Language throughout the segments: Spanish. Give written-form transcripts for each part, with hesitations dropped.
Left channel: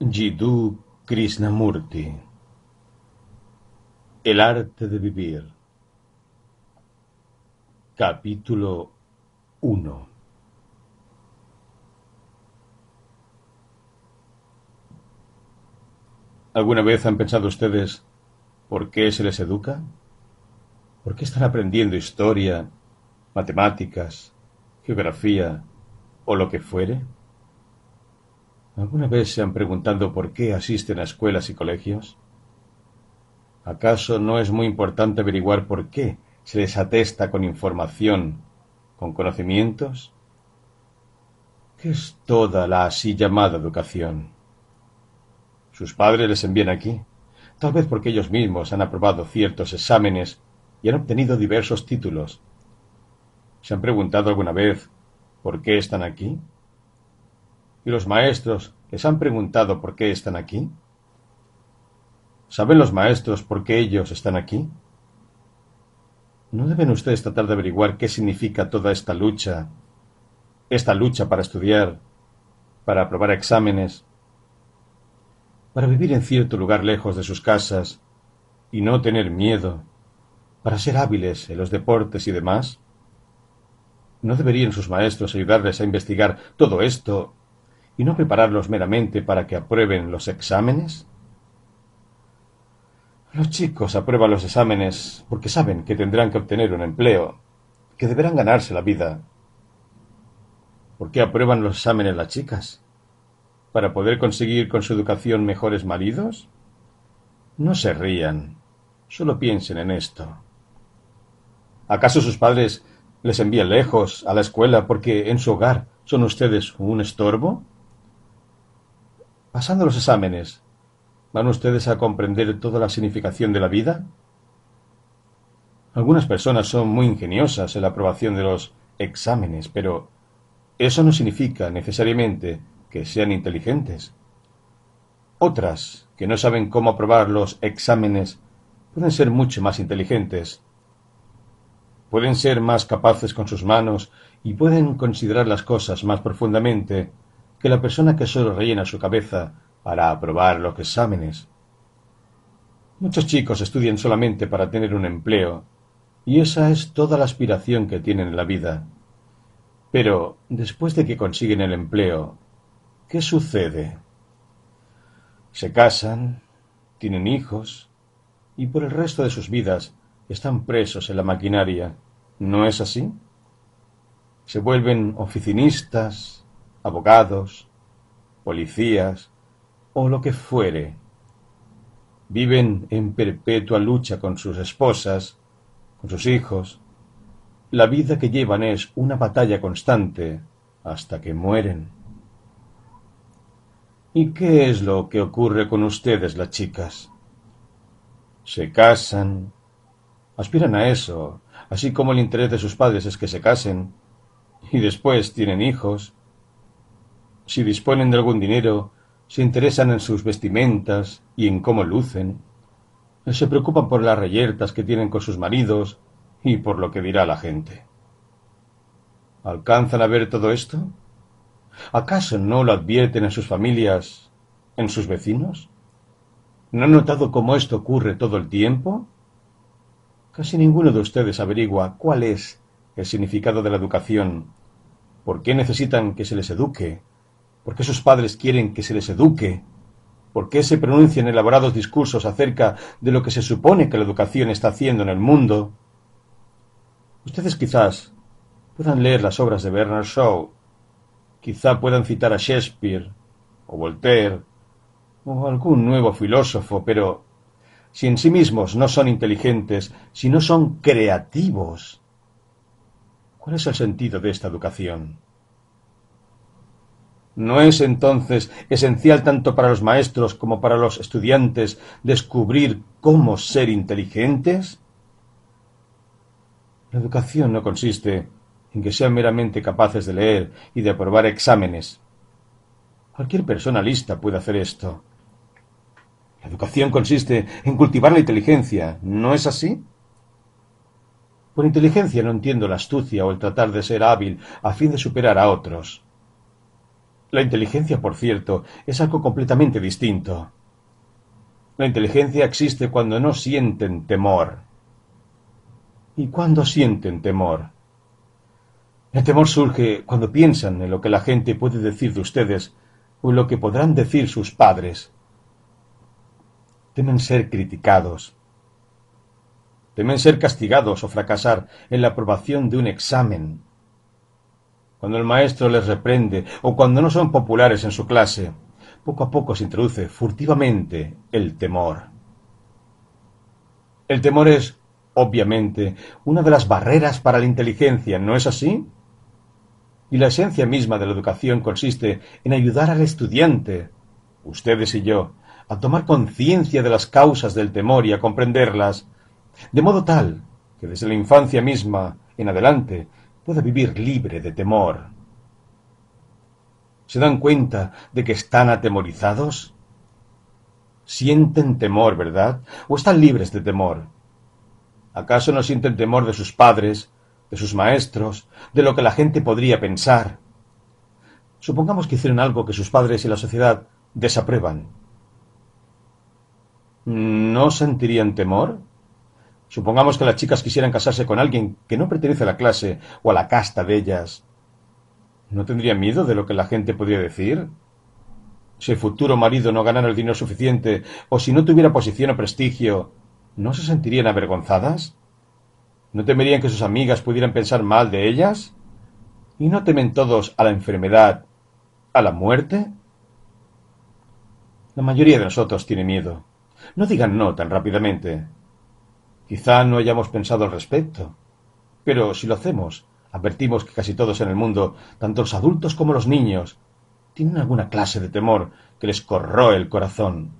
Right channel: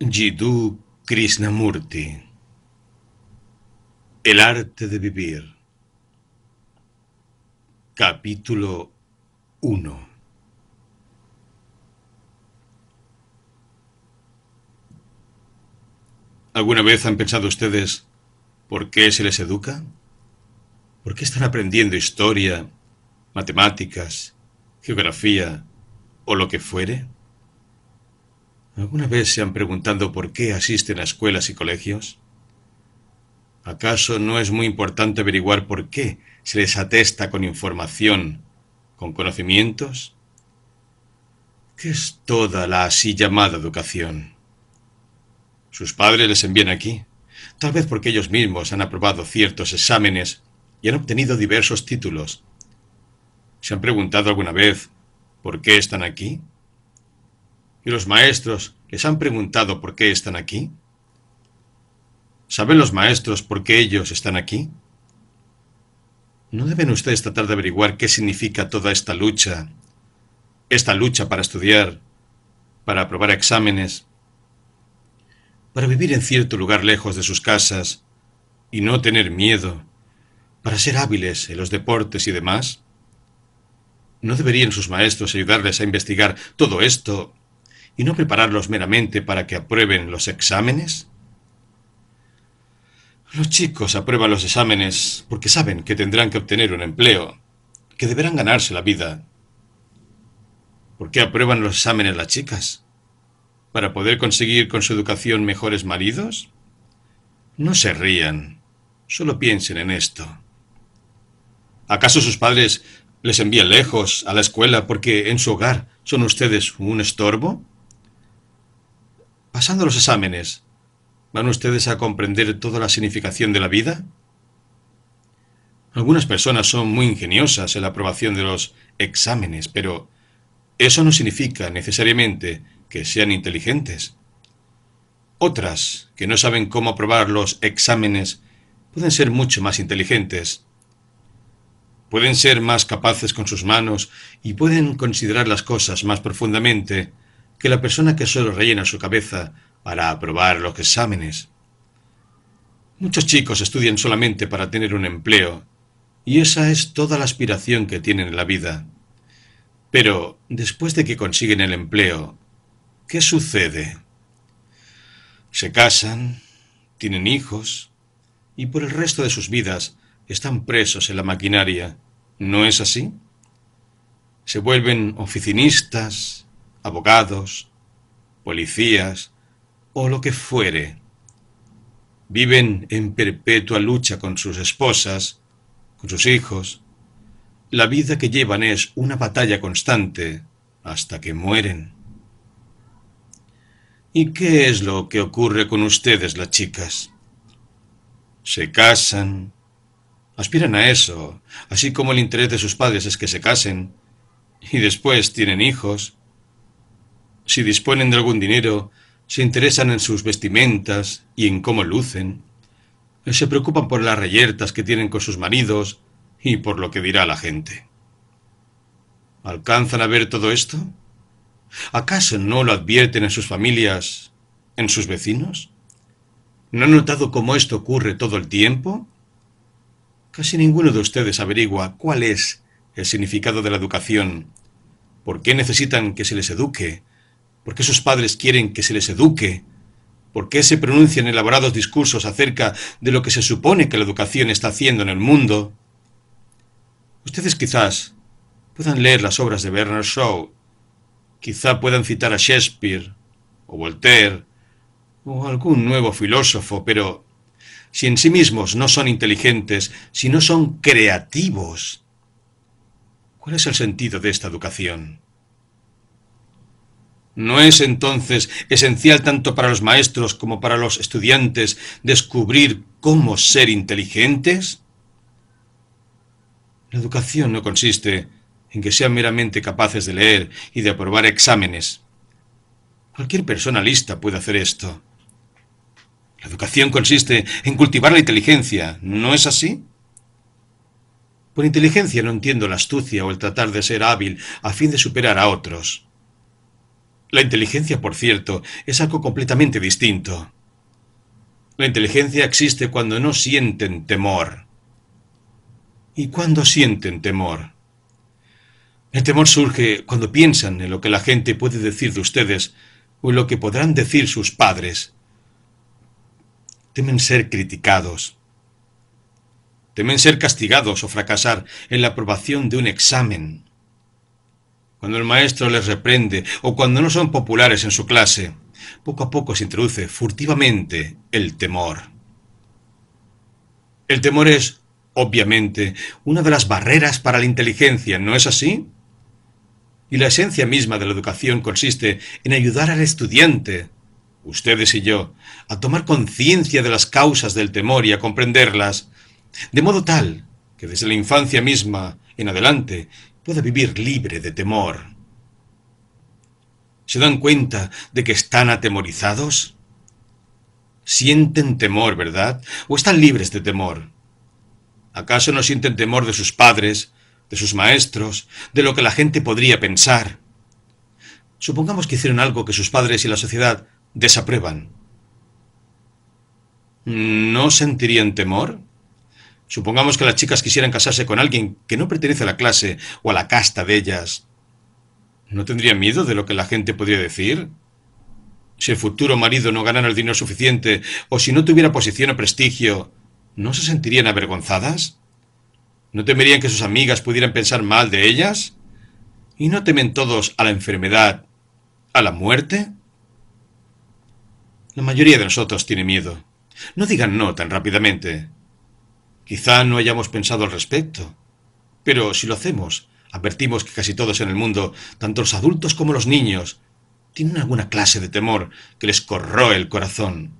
Jiddu Krishnamurti. El arte de vivir. Capítulo 1. ¿Alguna vez han pensado ustedes por qué se les educa? ¿Por qué están aprendiendo historia, matemáticas, geografía o lo que fuere? ¿Alguna vez se han preguntado por qué asisten a escuelas y colegios? ¿Acaso no es muy importante averiguar por qué se les atesta con información, con conocimientos? ¿Qué es toda la así llamada educación? Sus padres les envían aquí, tal vez porque ellos mismos han aprobado ciertos exámenes y han obtenido diversos títulos. ¿Se han preguntado alguna vez por qué están aquí? ¿Y los maestros les han preguntado por qué están aquí? ¿Saben los maestros por qué ellos están aquí? ¿No deben ustedes tratar de averiguar qué significa toda esta lucha para estudiar, para aprobar exámenes, para vivir en cierto lugar lejos de sus casas y no tener miedo, para ser hábiles en los deportes y demás? ¿No deberían sus maestros ayudarles a investigar todo esto y no prepararlos meramente para que aprueben los exámenes? Los chicos aprueban los exámenes porque saben que tendrán que obtener un empleo, que deberán ganarse la vida. ¿Por qué aprueban los exámenes las chicas? ¿Para poder conseguir con su educación mejores maridos? No se rían, solo piensen en esto. ¿Acaso sus padres les envían lejos a la escuela porque en su hogar son ustedes un estorbo? Pasando los exámenes, ¿van ustedes a comprender toda la significación de la vida? Algunas personas son muy ingeniosas en la aprobación de los exámenes, pero eso no significa necesariamente que sean inteligentes. Otras, que no saben cómo aprobar los exámenes, pueden ser mucho más inteligentes. Pueden ser más capaces con sus manos y pueden considerar las cosas más profundamente que la persona que solo rellena su cabeza para aprobar los exámenes. Muchos chicos estudian solamente para tener un empleo, y esa es toda la aspiración que tienen en la vida. Pero, después de que consiguen el empleo, ¿qué sucede? Se casan, tienen hijos, y por el resto de sus vidas están presos en la maquinaria. ¿No es así? Se vuelven oficinistas, abogados, policías o lo que fuere. Viven en perpetua lucha con sus esposas, con sus hijos. La vida que llevan es una batalla constante hasta que mueren. ¿Y qué es lo que ocurre con ustedes, las chicas? Se casan, aspiran a eso, así como el interés de sus padres es que se casen, y después tienen hijos. Si disponen de algún dinero, se interesan en sus vestimentas y en cómo lucen. Se preocupan por las reyertas que tienen con sus maridos y por lo que dirá la gente. ¿Alcanzan a ver todo esto? ¿Acaso no lo advierten en sus familias, en sus vecinos? ¿No han notado cómo esto ocurre todo el tiempo? Casi ninguno de ustedes averigua cuál es el significado de la educación, por qué necesitan que se les eduque, por qué sus padres quieren que se les eduque, por qué se pronuncian elaborados discursos acerca de lo que se supone que la educación está haciendo en el mundo. Ustedes quizás puedan leer las obras de Bernard Shaw, quizá puedan citar a Shakespeare, o Voltaire, o algún nuevo filósofo, pero si en sí mismos no son inteligentes, si no son creativos, ¿cuál es el sentido de esta educación? ¿No es entonces esencial tanto para los maestros como para los estudiantes descubrir cómo ser inteligentes? La educación no consiste en que sean meramente capaces de leer y de aprobar exámenes. Cualquier persona lista puede hacer esto. La educación consiste en cultivar la inteligencia, ¿no es así? Por inteligencia no entiendo la astucia o el tratar de ser hábil a fin de superar a otros. La inteligencia, por cierto, es algo completamente distinto. La inteligencia existe cuando no sienten temor. ¿Y cuándo sienten temor? El temor surge cuando piensan en lo que la gente puede decir de ustedes o en lo que podrán decir sus padres. Temen ser criticados. Temen ser castigados o fracasar en la aprobación de un examen. Cuando el maestro les reprende o cuando no son populares en su clase, poco a poco se introduce furtivamente el temor. El temor es, obviamente, una de las barreras para la inteligencia, ¿no es así? Y la esencia misma de la educación consiste en ayudar al estudiante, ustedes y yo, a tomar conciencia de las causas del temor y a comprenderlas, de modo tal que desde la infancia misma en adelante pueda vivir libre de temor. ¿Se dan cuenta de que están atemorizados? Sienten temor, ¿verdad? ¿O están libres de temor? ¿Acaso no sienten temor de sus padres, de sus maestros, de lo que la gente podría pensar? Supongamos que hicieron algo que sus padres y la sociedad desaprueban. ¿No sentirían temor? Supongamos que las chicas quisieran casarse con alguien que no pertenece a la clase o a la casta de ellas. ¿No tendrían miedo de lo que la gente podría decir? Si el futuro marido no ganara el dinero suficiente o si no tuviera posición o prestigio, ¿no se sentirían avergonzadas? ¿No temerían que sus amigas pudieran pensar mal de ellas? ¿Y no temen todos a la enfermedad, a la muerte? La mayoría de nosotros tiene miedo. No digan no tan rápidamente. Quizá no hayamos pensado al respecto. Pero si lo hacemos, advertimos que casi todos en el mundo, tanto los adultos como los niños, tienen alguna clase de temor que les corroe el corazón.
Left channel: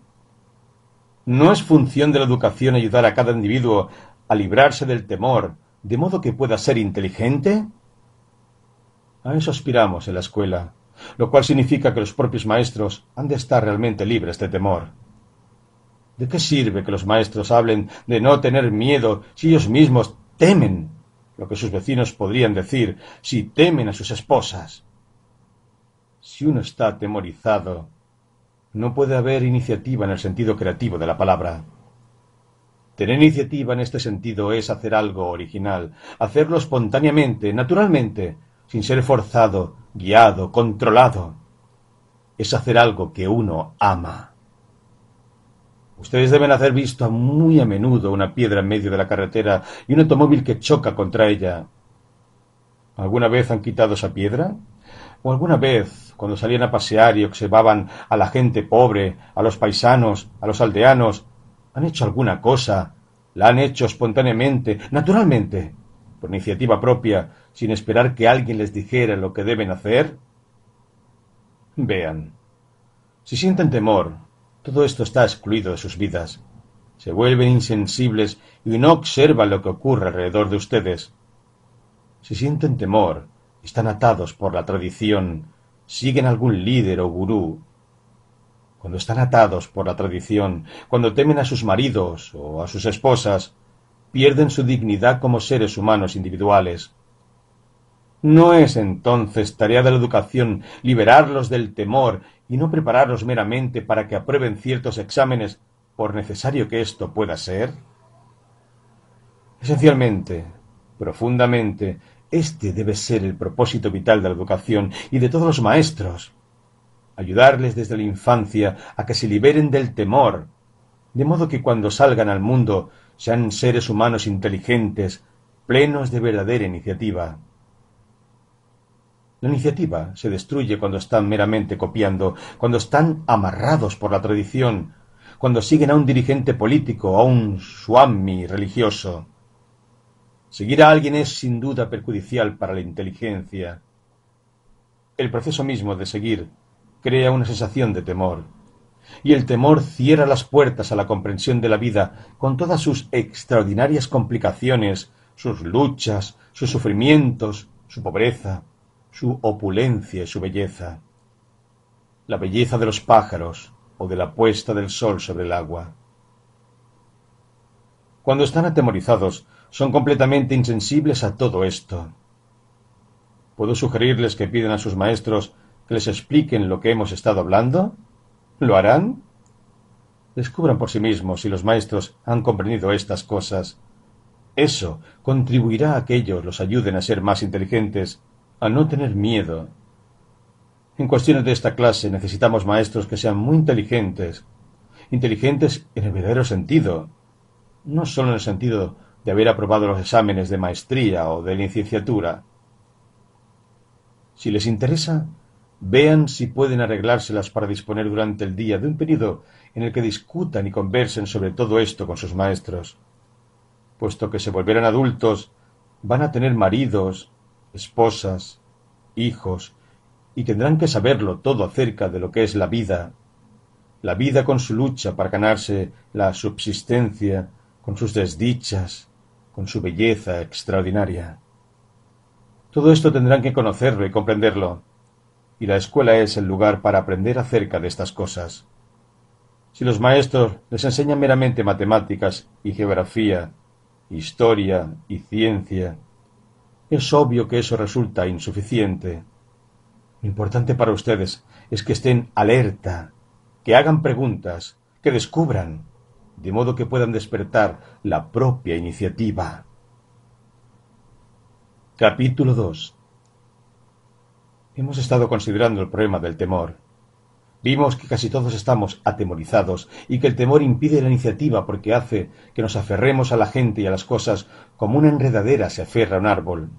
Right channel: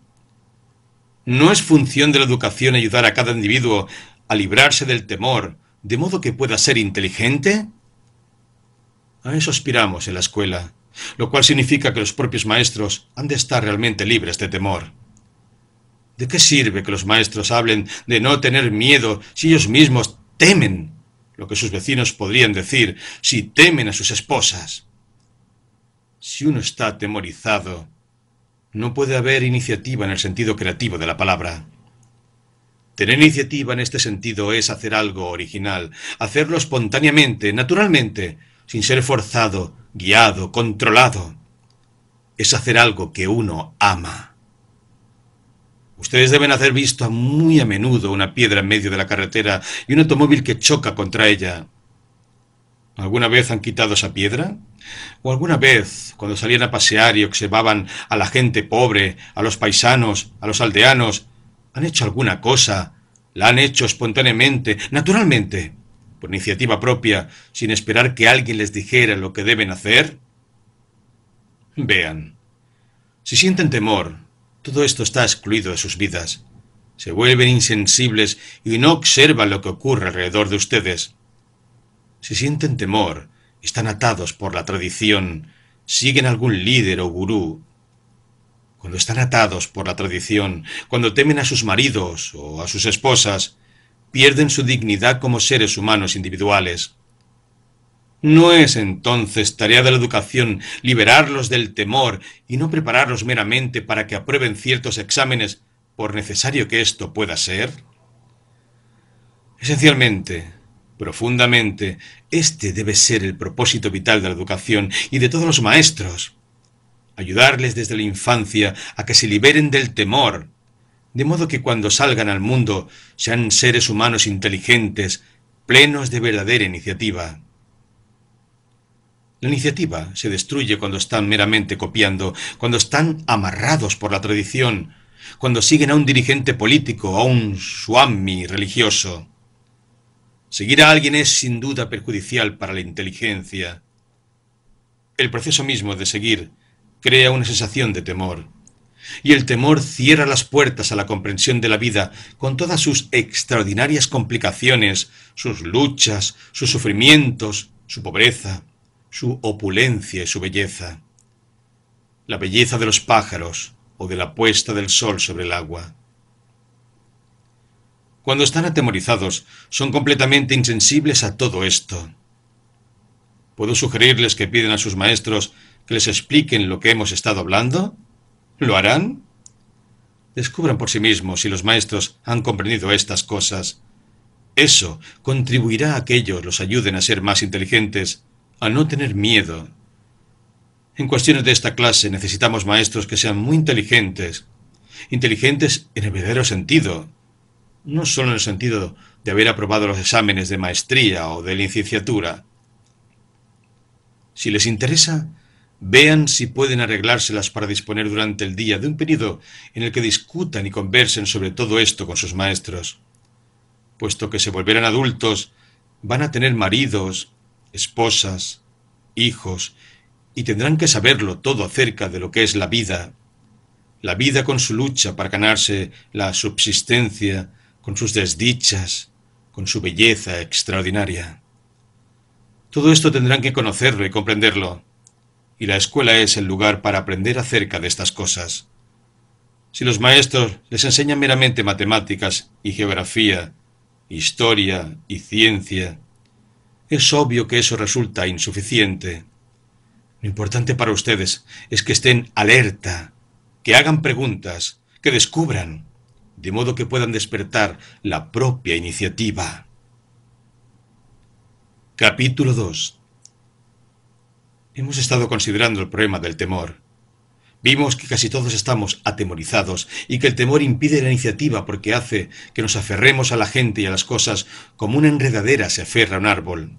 ¿No es función de la educación ayudar a cada individuo a librarse del temor, de modo que pueda ser inteligente? A eso aspiramos en la escuela, lo cual significa que los propios maestros han de estar realmente libres de temor. ¿De qué sirve que los maestros hablen de no tener miedo si ellos mismos temen lo que sus vecinos podrían decir, si temen a sus esposas? Si uno está atemorizado, no puede haber iniciativa en el sentido creativo de la palabra. Tener iniciativa en este sentido es hacer algo original, hacerlo espontáneamente, naturalmente, sin ser forzado, guiado, controlado. Es hacer algo que uno ama. Ustedes deben haber visto muy a menudo una piedra en medio de la carretera y un automóvil que choca contra ella. ¿Alguna vez han quitado esa piedra? ¿O alguna vez, cuando salían a pasear y observaban a la gente pobre, a los paisanos, a los aldeanos, han hecho alguna cosa? ¿La han hecho espontáneamente, naturalmente, por iniciativa propia, sin esperar que alguien les dijera lo que deben hacer? Vean, si sienten temor, todo esto está excluido de sus vidas. Se vuelven insensibles y no observan lo que ocurre alrededor de ustedes. Si sienten temor, están atados por la tradición, siguen algún líder o gurú. Cuando están atados por la tradición, cuando temen a sus maridos o a sus esposas, pierden su dignidad como seres humanos individuales. ¿No es entonces tarea de la educación liberarlos del temor y no prepararlos meramente para que aprueben ciertos exámenes, por necesario que esto pueda ser? Esencialmente, profundamente, este debe ser el propósito vital de la educación y de todos los maestros. Ayudarles desde la infancia a que se liberen del temor, de modo que cuando salgan al mundo sean seres humanos inteligentes, plenos de verdadera iniciativa. La iniciativa se destruye cuando están meramente copiando, cuando están amarrados por la tradición, cuando siguen a un dirigente político o a un swami religioso. Seguir a alguien es sin duda perjudicial para la inteligencia. El proceso mismo de seguir crea una sensación de temor, y el temor cierra las puertas a la comprensión de la vida con todas sus extraordinarias complicaciones, sus luchas, sus sufrimientos, su pobreza, su opulencia y su belleza. La belleza de los pájaros o de la puesta del sol sobre el agua. Cuando están atemorizados, son completamente insensibles a todo esto. Puedo sugerirles que pidan a sus maestros que les expliquen lo que hemos estado hablando? ¿Lo harán? Descubran por sí mismos si los maestros han comprendido estas cosas. Eso contribuirá a que ellos los ayuden a ser más inteligentes, a no tener miedo. En cuestiones de esta clase necesitamos maestros que sean muy inteligentes. Inteligentes en el verdadero sentido, no solo en el sentido de haber aprobado los exámenes de maestría o de licenciatura. Si les interesa, vean si pueden arreglárselas para disponer durante el día de un periodo en el que discutan y conversen sobre todo esto con sus maestros. Puesto que se volverán adultos, van a tener maridos, esposas, hijos, y tendrán que saberlo todo acerca de lo que es la vida con su lucha para ganarse la subsistencia, con sus desdichas, con su belleza extraordinaria. Todo esto tendrán que conocerlo y comprenderlo, y la escuela es el lugar para aprender acerca de estas cosas. Si los maestros les enseñan meramente matemáticas y geografía, historia y ciencia, es obvio que eso resulta insuficiente. Lo importante para ustedes es que estén alerta, que hagan preguntas, que descubran, de modo que puedan despertar la propia iniciativa. Capítulo 2. Hemos estado considerando el problema del temor. Vimos que casi todos estamos atemorizados y que el temor impide la iniciativa porque hace que nos aferremos a la gente y a las cosas como una enredadera se aferra a un árbol.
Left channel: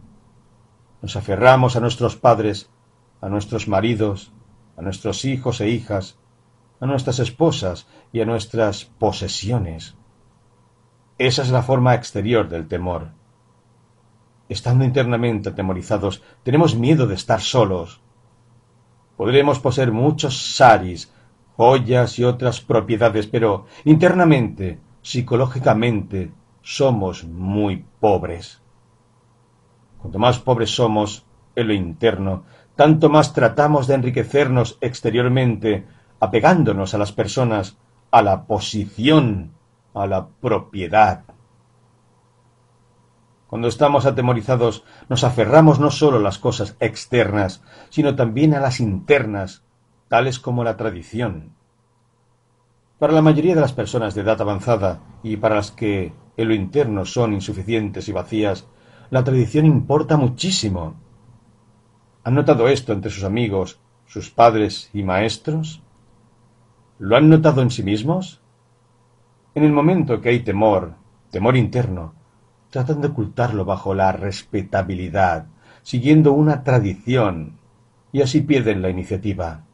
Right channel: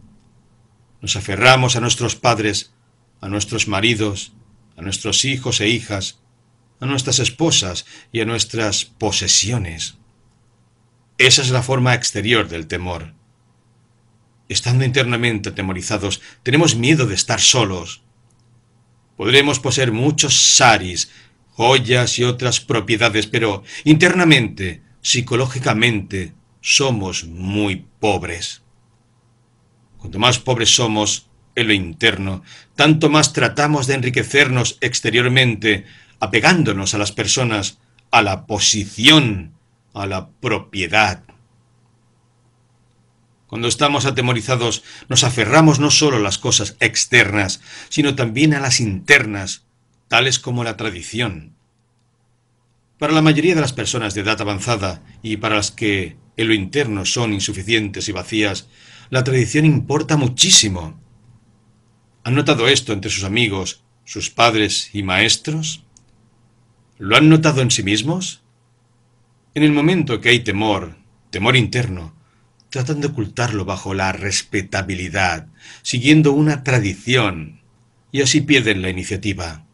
Nos aferramos a nuestros padres, a nuestros maridos, a nuestros hijos e hijas, a nuestras esposas y a nuestras posesiones. Esa es la forma exterior del temor. Estando internamente atemorizados, tenemos miedo de estar solos. Podremos poseer muchos saris, joyas y otras propiedades, pero internamente, psicológicamente, somos muy pobres. Cuanto más pobres somos en lo interno, tanto más tratamos de enriquecernos exteriormente, apegándonos a las personas, a la posición, a la propiedad. Cuando estamos atemorizados, nos aferramos no solo a las cosas externas, sino también a las internas, tales como la tradición. Para la mayoría de las personas de edad avanzada y para las que en lo interno son insuficientes y vacías, la tradición importa muchísimo. ¿Han notado esto entre sus amigos, sus padres y maestros? ¿Lo han notado en sí mismos? En el momento que hay temor interno, tratan de ocultarlo bajo la respetabilidad, siguiendo una tradición, y así pierden la iniciativa.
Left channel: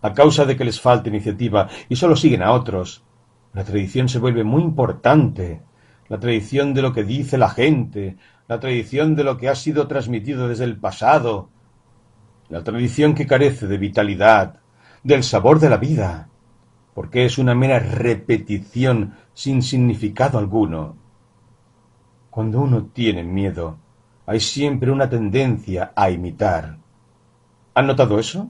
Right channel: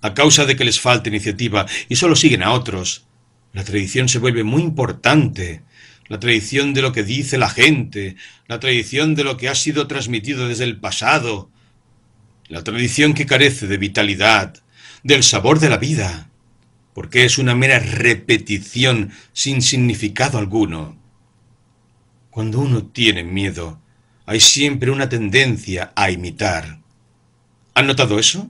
A causa de que les falta iniciativa y solo siguen a otros, la tradición se vuelve muy importante, la tradición de lo que dice la gente, la tradición de lo que ha sido transmitido desde el pasado, la tradición que carece de vitalidad, del sabor de la vida, porque es una mera repetición sin significado alguno. Cuando uno tiene miedo, hay siempre una tendencia a imitar. ¿Han notado eso?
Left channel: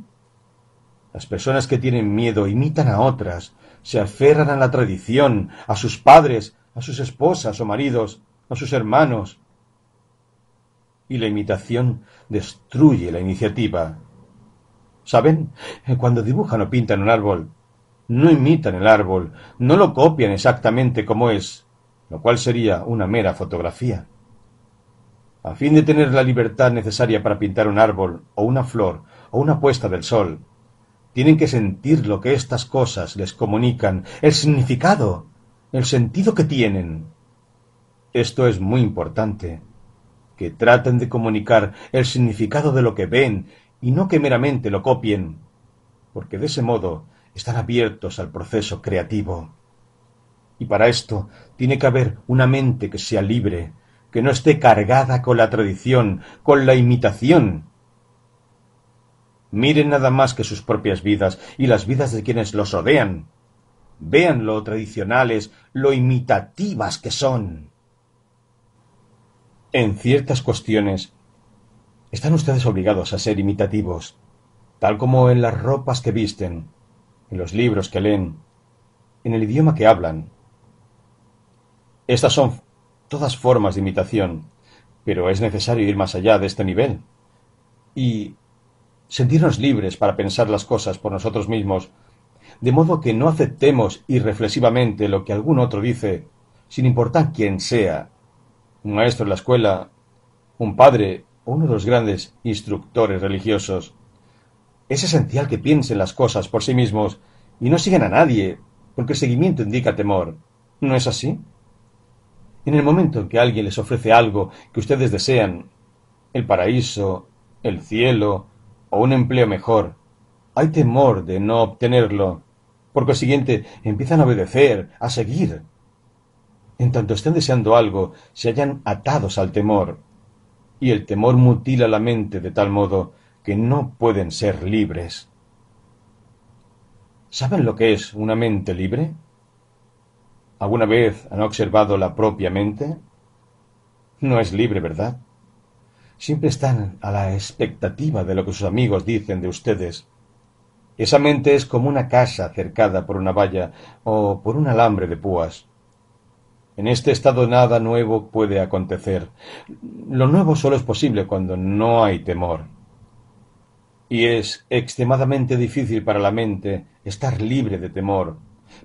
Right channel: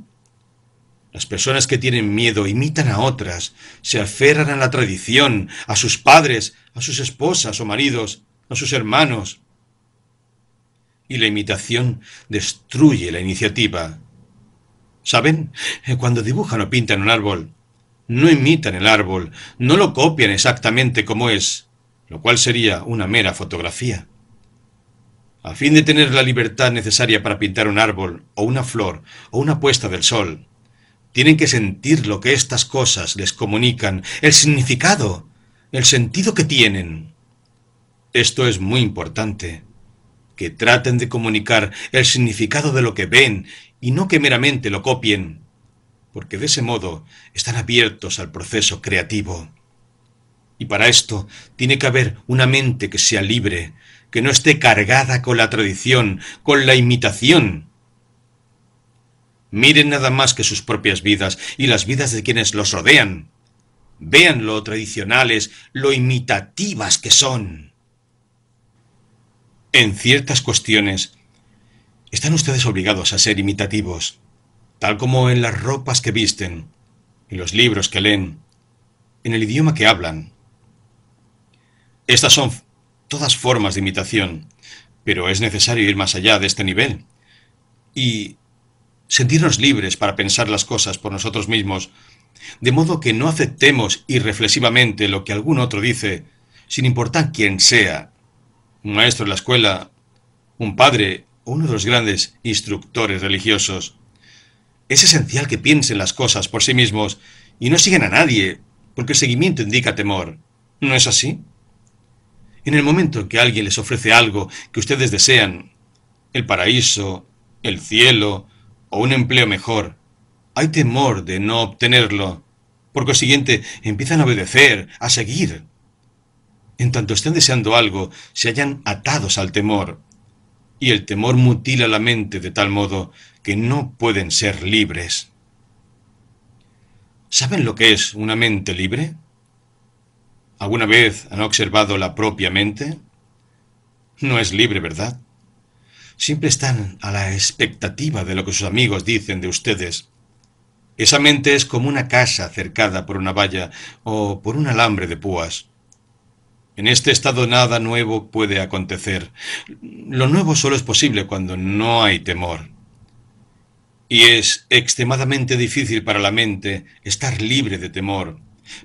Las personas que tienen miedo imitan a otras, se aferran a la tradición, a sus padres, a sus esposas o maridos, a sus hermanos. Y la imitación destruye la iniciativa. ¿Saben? Cuando dibujan o pintan un árbol, no imitan el árbol, no lo copian exactamente como es, lo cual sería una mera fotografía. A fin de tener la libertad necesaria para pintar un árbol, o una flor, o una puesta del sol, tienen que sentir lo que estas cosas les comunican, el significado, el sentido que tienen. Esto es muy importante, que traten de comunicar el significado de lo que ven y no que meramente lo copien, porque de ese modo están abiertos al proceso creativo. Y para esto tiene que haber una mente que sea libre, que no esté cargada con la tradición, con la imitación. Miren nada más que sus propias vidas y las vidas de quienes los rodean. Vean lo tradicionales, lo imitativas que son. En ciertas cuestiones, están ustedes obligados a ser imitativos, tal como en las ropas que visten, en los libros que leen, en el idioma que hablan. Estas son todas formas de imitación, pero es necesario ir más allá de este nivel. Y sentirnos libres para pensar las cosas por nosotros mismos, de modo que no aceptemos irreflexivamente lo que algún otro dice, sin importar quién sea, un maestro en la escuela, un padre o uno de los grandes instructores religiosos. Es esencial que piensen las cosas por sí mismos y no sigan a nadie, porque el seguimiento indica temor. ¿No es así? En el momento en que alguien les ofrece algo que ustedes desean, el paraíso, el cielo o un empleo mejor, hay temor de no obtenerlo. Por consiguiente, empiezan a obedecer, a seguir. En tanto estén deseando algo, se hallan atados al temor, y el temor mutila la mente de tal modo que no pueden ser libres. ¿Saben lo que es una mente libre? ¿Alguna vez han observado la propia mente? No es libre, ¿verdad? Siempre están a la expectativa de lo que sus amigos dicen de ustedes. Esa mente es como una casa cercada por una valla o por un alambre de púas. En este estado nada nuevo puede acontecer. Lo nuevo solo es posible cuando no hay temor. Y es extremadamente difícil para la mente estar libre de temor,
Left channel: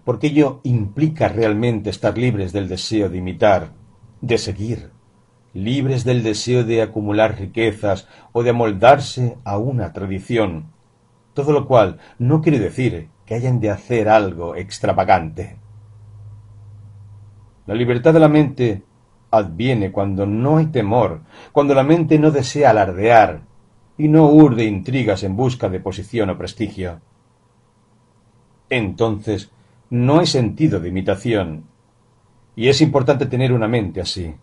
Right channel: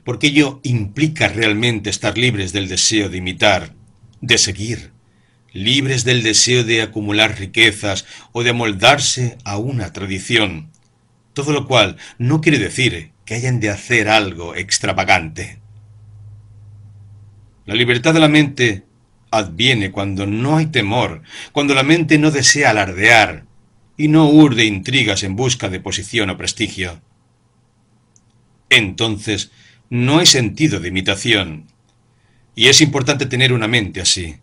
porque ello implica realmente estar libres del deseo de imitar, de seguir, libres del deseo de acumular riquezas o de amoldarse a una tradición, todo lo cual no quiere decir que hayan de hacer algo extravagante. La libertad de la mente adviene cuando no hay temor, cuando la mente no desea alardear y no urde intrigas en busca de posición o prestigio. Entonces, no hay sentido de imitación, y es importante tener una mente así,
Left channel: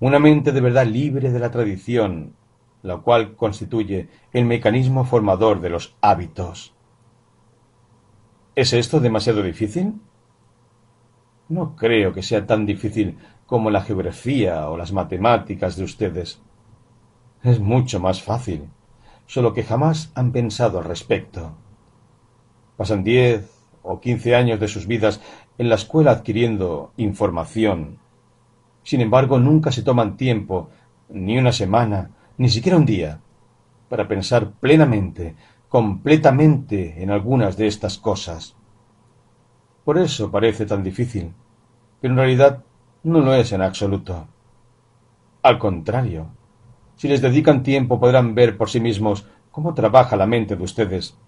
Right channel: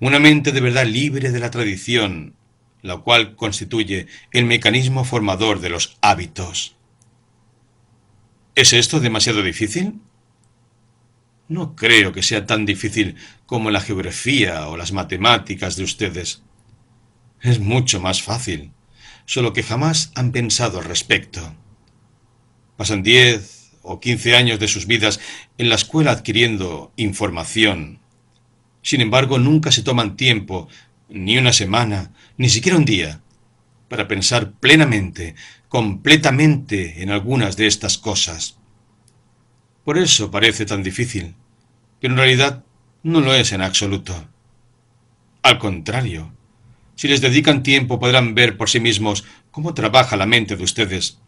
una mente de verdad libre de la tradición, la cual constituye el mecanismo formador de los hábitos. ¿Es esto demasiado difícil? No creo que sea tan difícil como la geografía o las matemáticas de ustedes. Es mucho más fácil, solo que jamás han pensado al respecto. Pasan 10 o 15 años de sus vidas en la escuela adquiriendo información. Sin embargo, nunca se toman tiempo, ni una semana, ni siquiera un día, para pensar plenamente, completamente en algunas de estas cosas. Por eso parece tan difícil, pero en realidad no lo es en absoluto. Al contrario, si les dedican tiempo podrán ver por sí mismos cómo trabaja la mente de ustedes,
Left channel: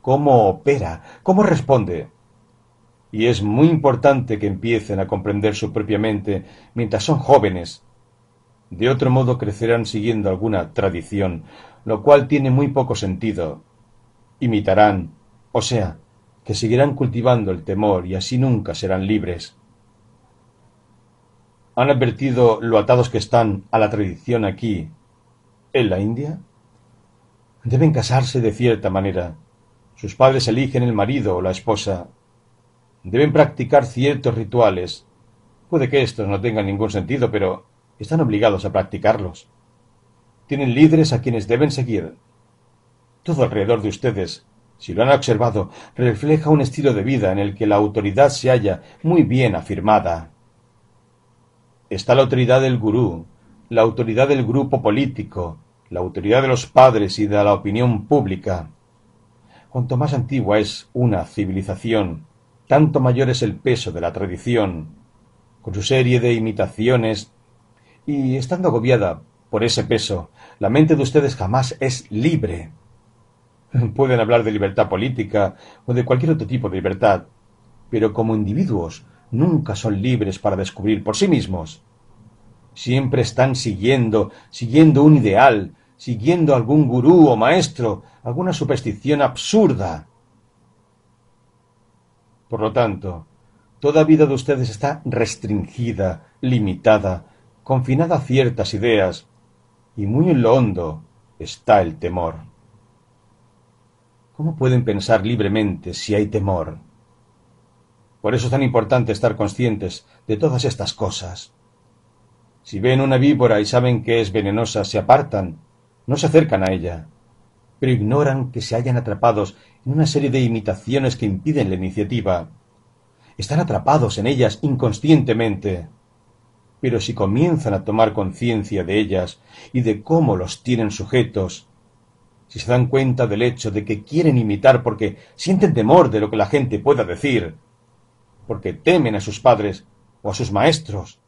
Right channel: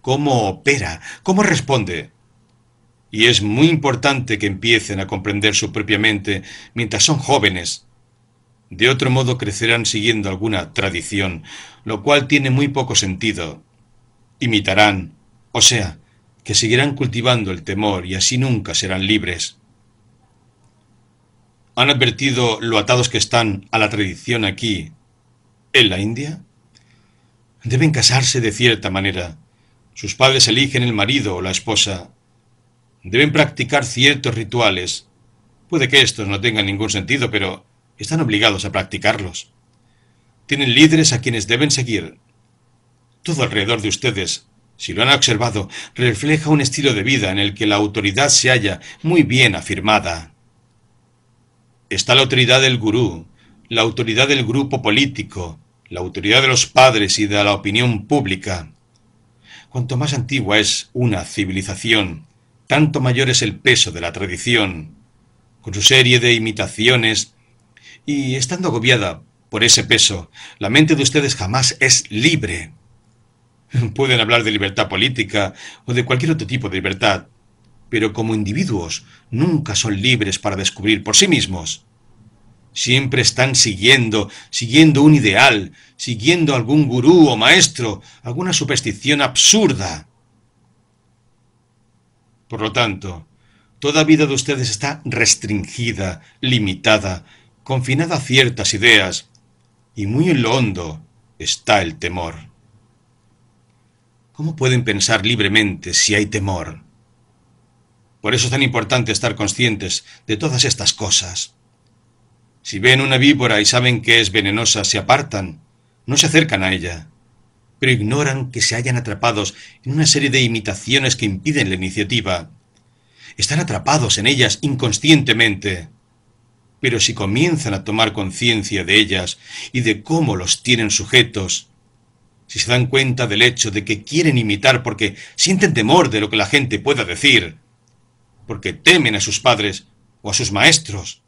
cómo opera, cómo responde. Y es muy importante que empiecen a comprender su propia mente mientras son jóvenes. De otro modo crecerán siguiendo alguna tradición, lo cual tiene muy poco sentido. Imitarán, o sea, que seguirán cultivando el temor y así nunca serán libres. ¿Han advertido lo atados que están a la tradición aquí, en la India? Deben casarse de cierta manera. Sus padres eligen el marido o la esposa. Deben practicar ciertos rituales. Puede que estos no tengan ningún sentido, pero están obligados a practicarlos. Tienen líderes a quienes deben seguir. Todo alrededor de ustedes, si lo han observado, refleja un estilo de vida en el que la autoridad se halla muy bien afirmada. Está la autoridad del gurú, la autoridad del grupo político, la autoridad de los padres y de la opinión pública. Cuanto más antigua es una civilización, tanto mayor es el peso de la tradición, con su serie de imitaciones, y estando agobiada por ese peso, la mente de ustedes jamás es libre. Pueden hablar de libertad política o de cualquier otro tipo de libertad, pero como individuos nunca son libres para descubrir por sí mismos. Siempre están siguiendo un ideal, siguiendo algún gurú o maestro, alguna superstición absurda. Por lo tanto, toda vida de ustedes está restringida, limitada, confinada a ciertas ideas, y muy en lo hondo está el temor. ¿Cómo pueden pensar libremente si hay temor? Por eso es tan importante estar conscientes de todas estas cosas. Si ven una víbora y saben que es venenosa, se apartan, no se acercan a ella, pero ignoran que se hallan atrapados en una serie de imitaciones que impiden la iniciativa. Están atrapados en ellas inconscientemente, pero si comienzan a tomar conciencia de ellas y de cómo los tienen sujetos, si se dan cuenta del hecho de que quieren imitar porque sienten temor de lo que la gente pueda decir, porque temen a sus padres o a sus maestros,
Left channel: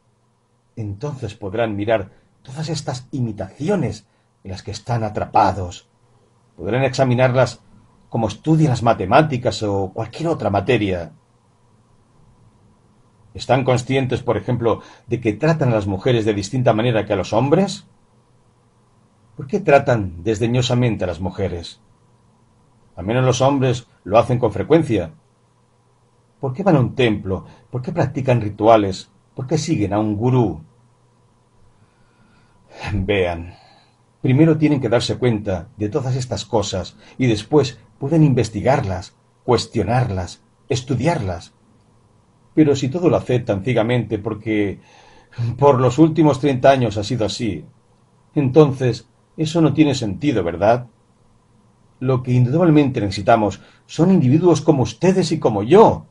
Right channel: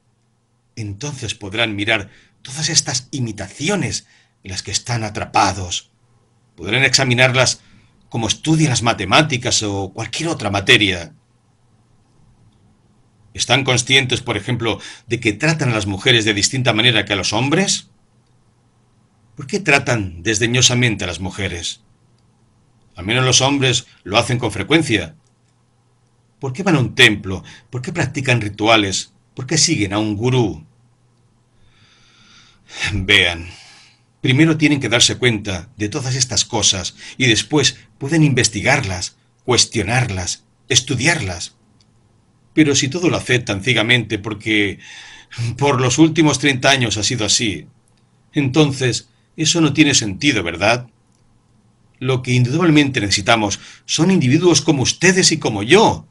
entonces podrán mirar todas estas imitaciones en las que están atrapados. Podrán examinarlas como estudian las matemáticas o cualquier otra materia. ¿Están conscientes, por ejemplo, de que tratan a las mujeres de distinta manera que a los hombres? ¿Por qué tratan desdeñosamente a las mujeres? Al menos los hombres lo hacen con frecuencia. ¿Por qué van a un templo? ¿Por qué practican rituales? ¿Por qué siguen a un gurú? Vean, primero tienen que darse cuenta de todas estas cosas y después pueden investigarlas, cuestionarlas, estudiarlas. Pero si todo lo aceptan ciegamente porque por los últimos 30 años ha sido así, entonces eso no tiene sentido, ¿verdad? Lo que indudablemente necesitamos son individuos como ustedes y como yo,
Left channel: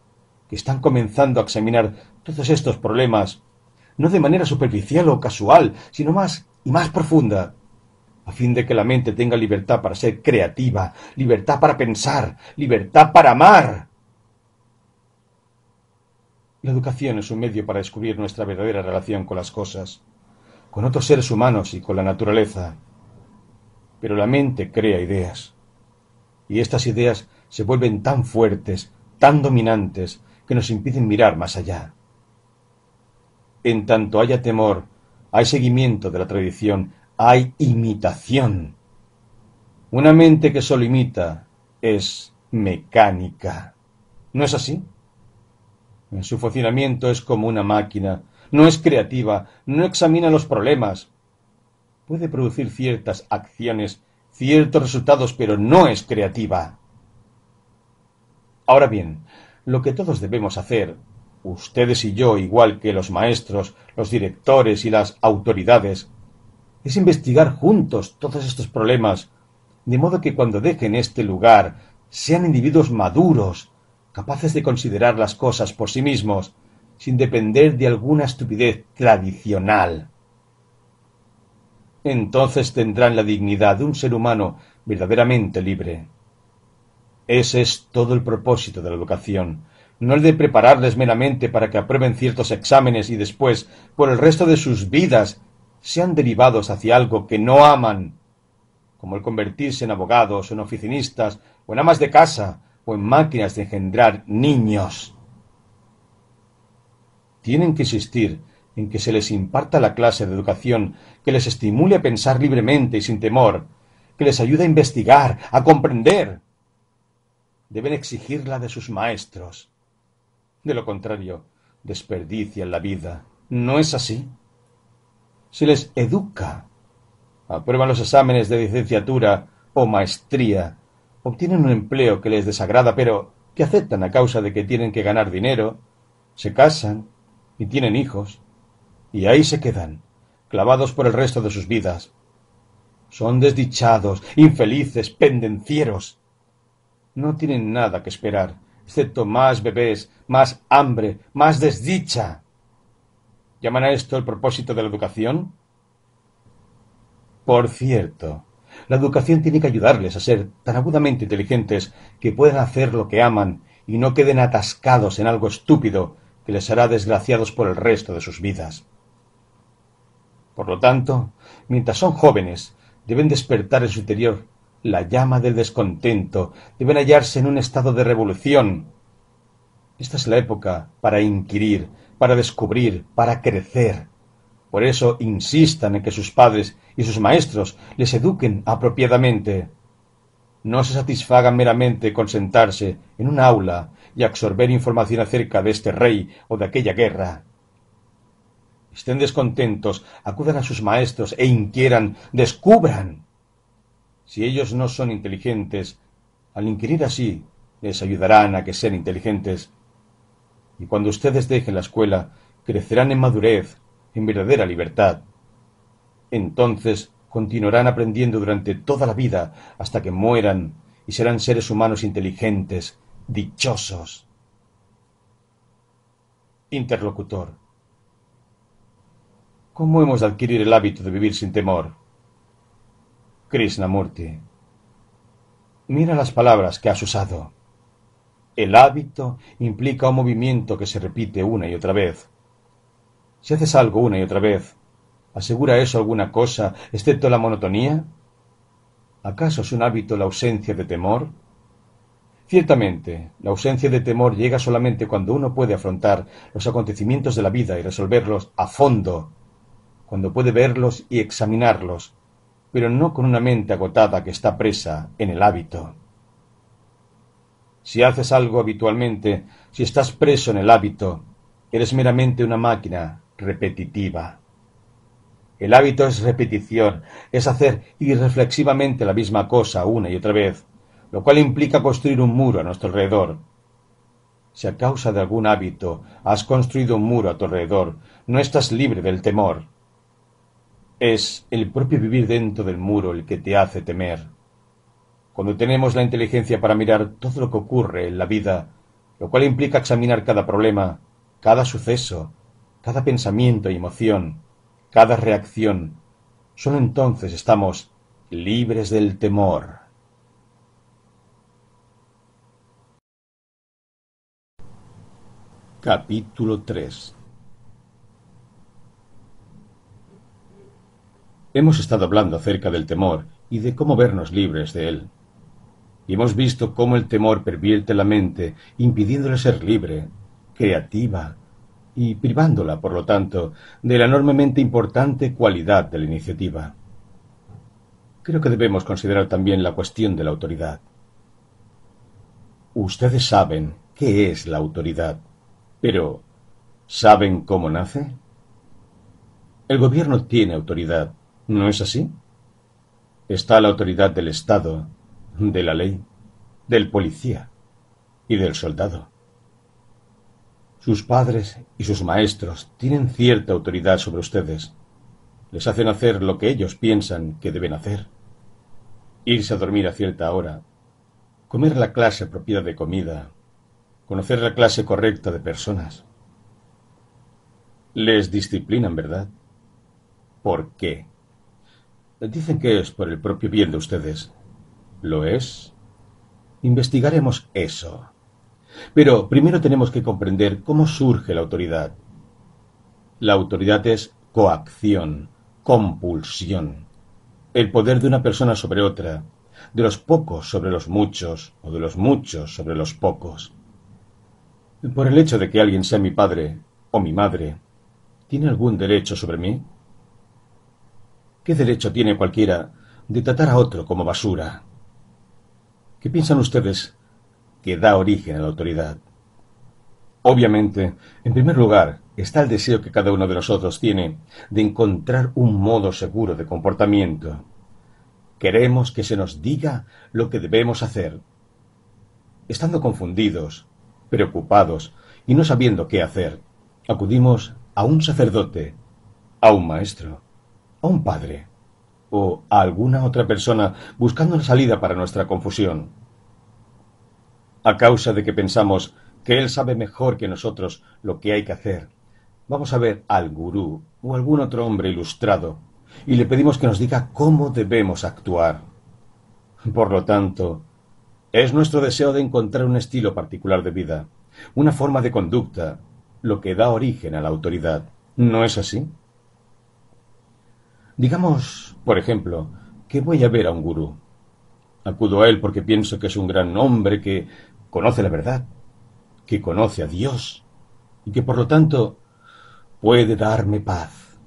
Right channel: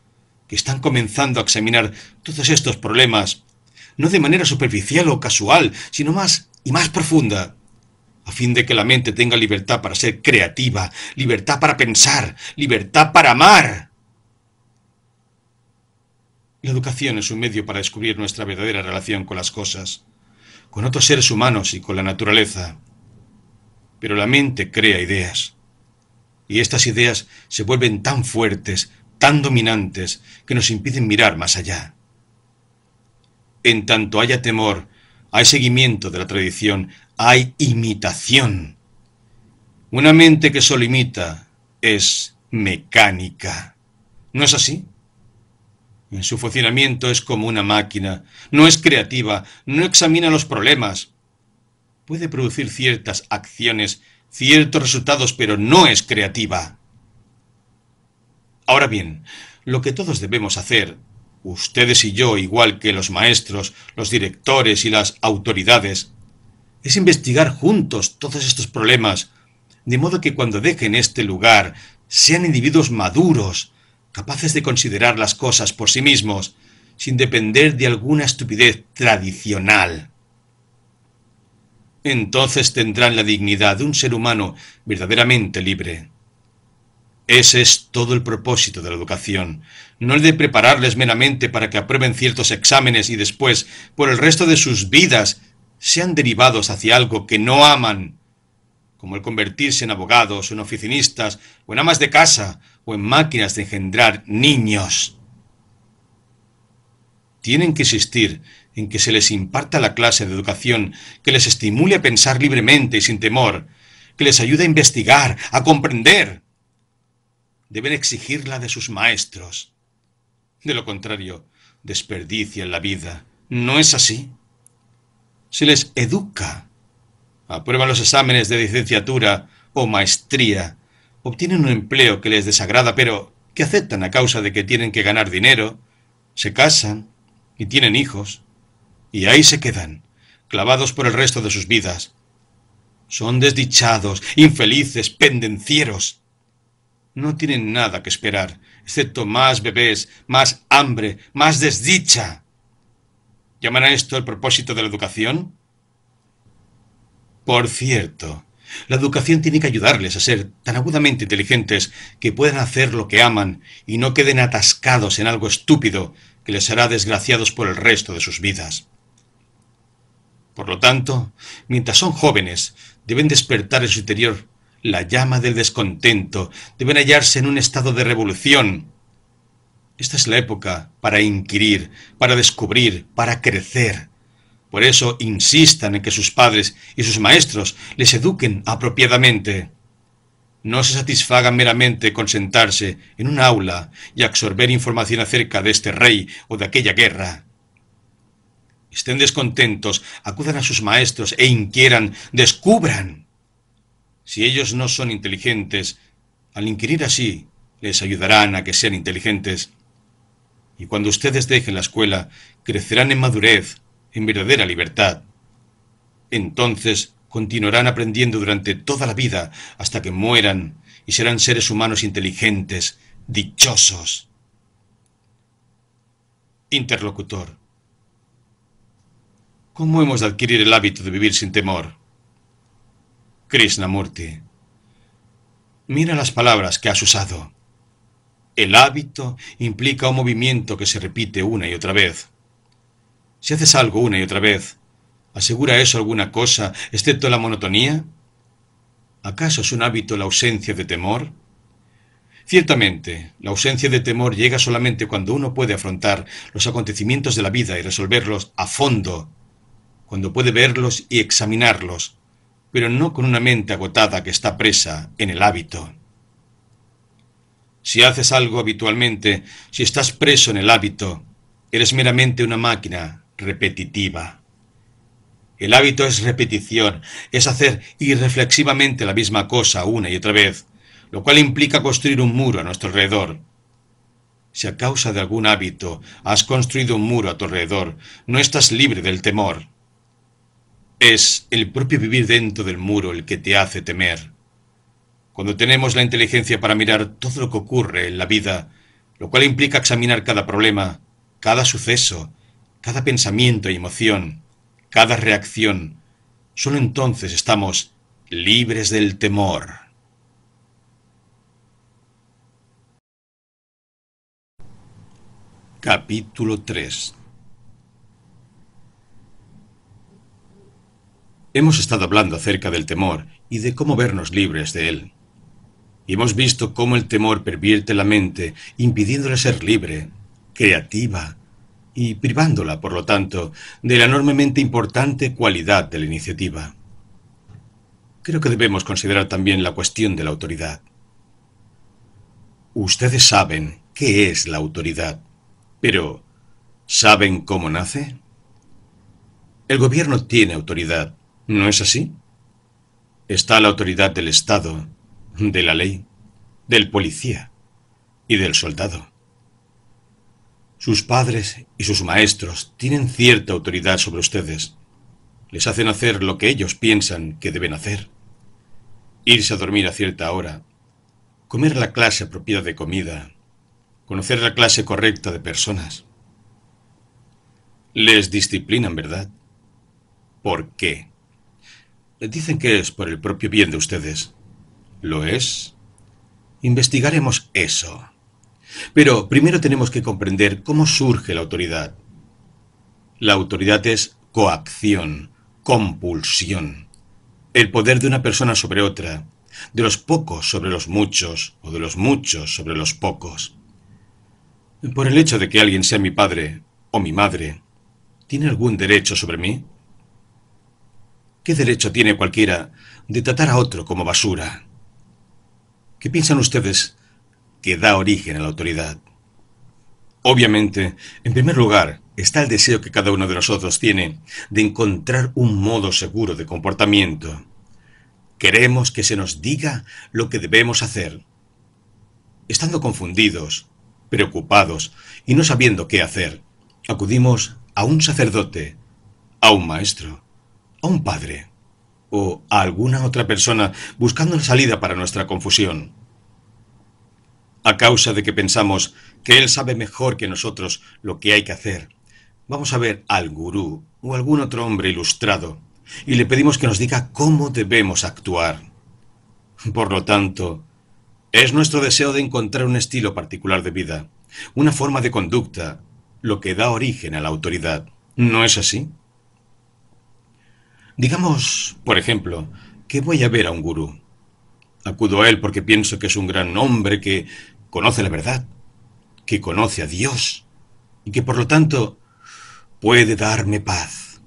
que están comenzando a examinar todos estos problemas, no de manera superficial o casual, sino más y más profunda, a fin de que la mente tenga libertad para ser creativa, libertad para pensar, libertad para amar. La educación es un medio para descubrir nuestra verdadera relación con las cosas, con otros seres humanos y con la naturaleza. Pero la mente crea ideas, y estas ideas se vuelven tan fuertes, tan dominantes, que nos impiden mirar más allá. En tanto haya temor, hay seguimiento de la tradición, hay imitación. Una mente que solo imita es mecánica. ¿No es así? En su funcionamiento es como una máquina, no es creativa, no examina los problemas. Puede producir ciertas acciones, ciertos resultados, pero no es creativa. Ahora bien, lo que todos debemos hacer, ustedes y yo, igual que los maestros, los directores y las autoridades, es investigar juntos todos estos problemas, de modo que cuando dejen este lugar sean individuos maduros, capaces de considerar las cosas por sí mismos, sin depender de alguna estupidez tradicional. Entonces tendrán la dignidad de un ser humano verdaderamente libre. Ese es todo el propósito de la educación, no el de prepararles meramente para que aprueben ciertos exámenes y después, por el resto de sus vidas, sean derivados hacia algo que no aman, como el convertirse en abogados, en oficinistas, o en amas de casa, o en máquinas de engendrar niños. Tienen que insistir en que se les imparta la clase de educación que les estimule a pensar libremente y sin temor, que les ayude a investigar, a comprender. Deben exigirla de sus maestros. De lo contrario, desperdician la vida. ¿No es así? Se les educa. Aprueban los exámenes de licenciatura o maestría. Obtienen un empleo que les desagrada, pero que aceptan a causa de que tienen que ganar dinero. Se casan y tienen hijos. Y ahí se quedan, clavados por el resto de sus vidas. Son desdichados, infelices, pendencieros. No tienen nada que esperar, excepto más bebés, más hambre, más desdicha. ¿Llaman a esto el propósito de la educación? Por cierto, la educación tiene que ayudarles a ser tan agudamente inteligentes que puedan hacer lo que aman y no queden atascados en algo estúpido que les hará desgraciados por el resto de sus vidas. Por lo tanto, mientras son jóvenes, deben despertar en su interior la llama del descontento, deben hallarse en un estado de revolución. Esta es la época para inquirir, para descubrir, para crecer. Por eso insistan en que sus padres y sus maestros les eduquen apropiadamente. No se satisfagan meramente con sentarse en un aula y absorber información acerca de este rey o de aquella guerra. Estén descontentos, acudan a sus maestros e inquieran, descubran. Si ellos no son inteligentes, al inquirir así, les ayudarán a que sean inteligentes. Y cuando ustedes dejen la escuela, crecerán en madurez, en verdadera libertad. Entonces continuarán aprendiendo durante toda la vida hasta que mueran y serán seres humanos inteligentes, dichosos. Interlocutor: ¿cómo hemos de adquirir el hábito de vivir sin temor? Krishnamurti: Mira las palabras que has usado. El hábito implica un movimiento que se repite una y otra vez. Si haces algo una y otra vez, ¿asegura eso alguna cosa excepto la monotonía? ¿Acaso es un hábito la ausencia de temor? Ciertamente, la ausencia de temor llega solamente cuando uno puede afrontar los acontecimientos de la vida y resolverlos a fondo, cuando puede verlos y examinarlos, pero no con una mente agotada que está presa en el hábito. Si haces algo habitualmente, si estás preso en el hábito, eres meramente una máquina repetitiva. El hábito es repetición, es hacer irreflexivamente la misma cosa una y otra vez, lo cual implica construir un muro a nuestro alrededor. Si a causa de algún hábito has construido un muro a tu alrededor, no estás libre del temor. Es el propio vivir dentro del muro el que te hace temer. Cuando tenemos la inteligencia para mirar todo lo que ocurre en la vida, lo cual implica examinar cada problema, cada suceso, cada pensamiento y emoción, cada reacción, solo entonces estamos libres del temor. Capítulo 3. Hemos estado hablando acerca del temor y de cómo vernos libres de él. Y hemos visto cómo el temor pervierte la mente, impidiéndole ser libre, creativa, y privándola, por lo tanto, de la enormemente importante cualidad de la iniciativa. Creo que debemos considerar también la cuestión de la autoridad. Ustedes saben qué es la autoridad, pero ¿saben cómo nace? El gobierno tiene autoridad, ¿no es así? Está la autoridad del Estado, de la ley, del policía y del soldado. Sus padres y sus maestros tienen cierta autoridad sobre ustedes. Les hacen hacer lo que ellos piensan que deben hacer. Irse a dormir a cierta hora, comer la clase apropiada de comida, conocer la clase correcta de personas. Les disciplinan, ¿verdad? ¿Por qué? Dicen que es por el propio bien de ustedes. ¿Lo es? Investigaremos eso. Pero primero tenemos que comprender cómo surge la autoridad. La autoridad es coacción, compulsión. El poder de una persona sobre otra, de los pocos sobre los muchos, o de los muchos sobre los pocos. Por el hecho de que alguien sea mi padre o mi madre, ¿tiene algún derecho sobre mí? ¿Qué derecho tiene cualquiera de tratar a otro como basura? ¿Qué piensan ustedes que da origen a la autoridad? Obviamente, en primer lugar, está el deseo que cada uno de nosotros tiene de encontrar un modo seguro de comportamiento. Queremos que se nos diga lo que debemos hacer. Estando confundidos, preocupados y no sabiendo qué hacer, acudimos a un sacerdote, a un maestro, a un padre o a alguna otra persona buscando una salida para nuestra confusión. A causa de que pensamos que él sabe mejor que nosotros lo que hay que hacer, vamos a ver al gurú o algún otro hombre ilustrado y le pedimos que nos diga cómo debemos actuar. Por lo tanto, es nuestro deseo de encontrar un estilo particular de vida, una forma de conducta, lo que da origen a la autoridad. ¿No es así? Digamos, por ejemplo, que voy a ver a un gurú. Acudo a él porque pienso que es un gran hombre que conoce la verdad, que conoce a Dios y que por lo tanto puede darme paz.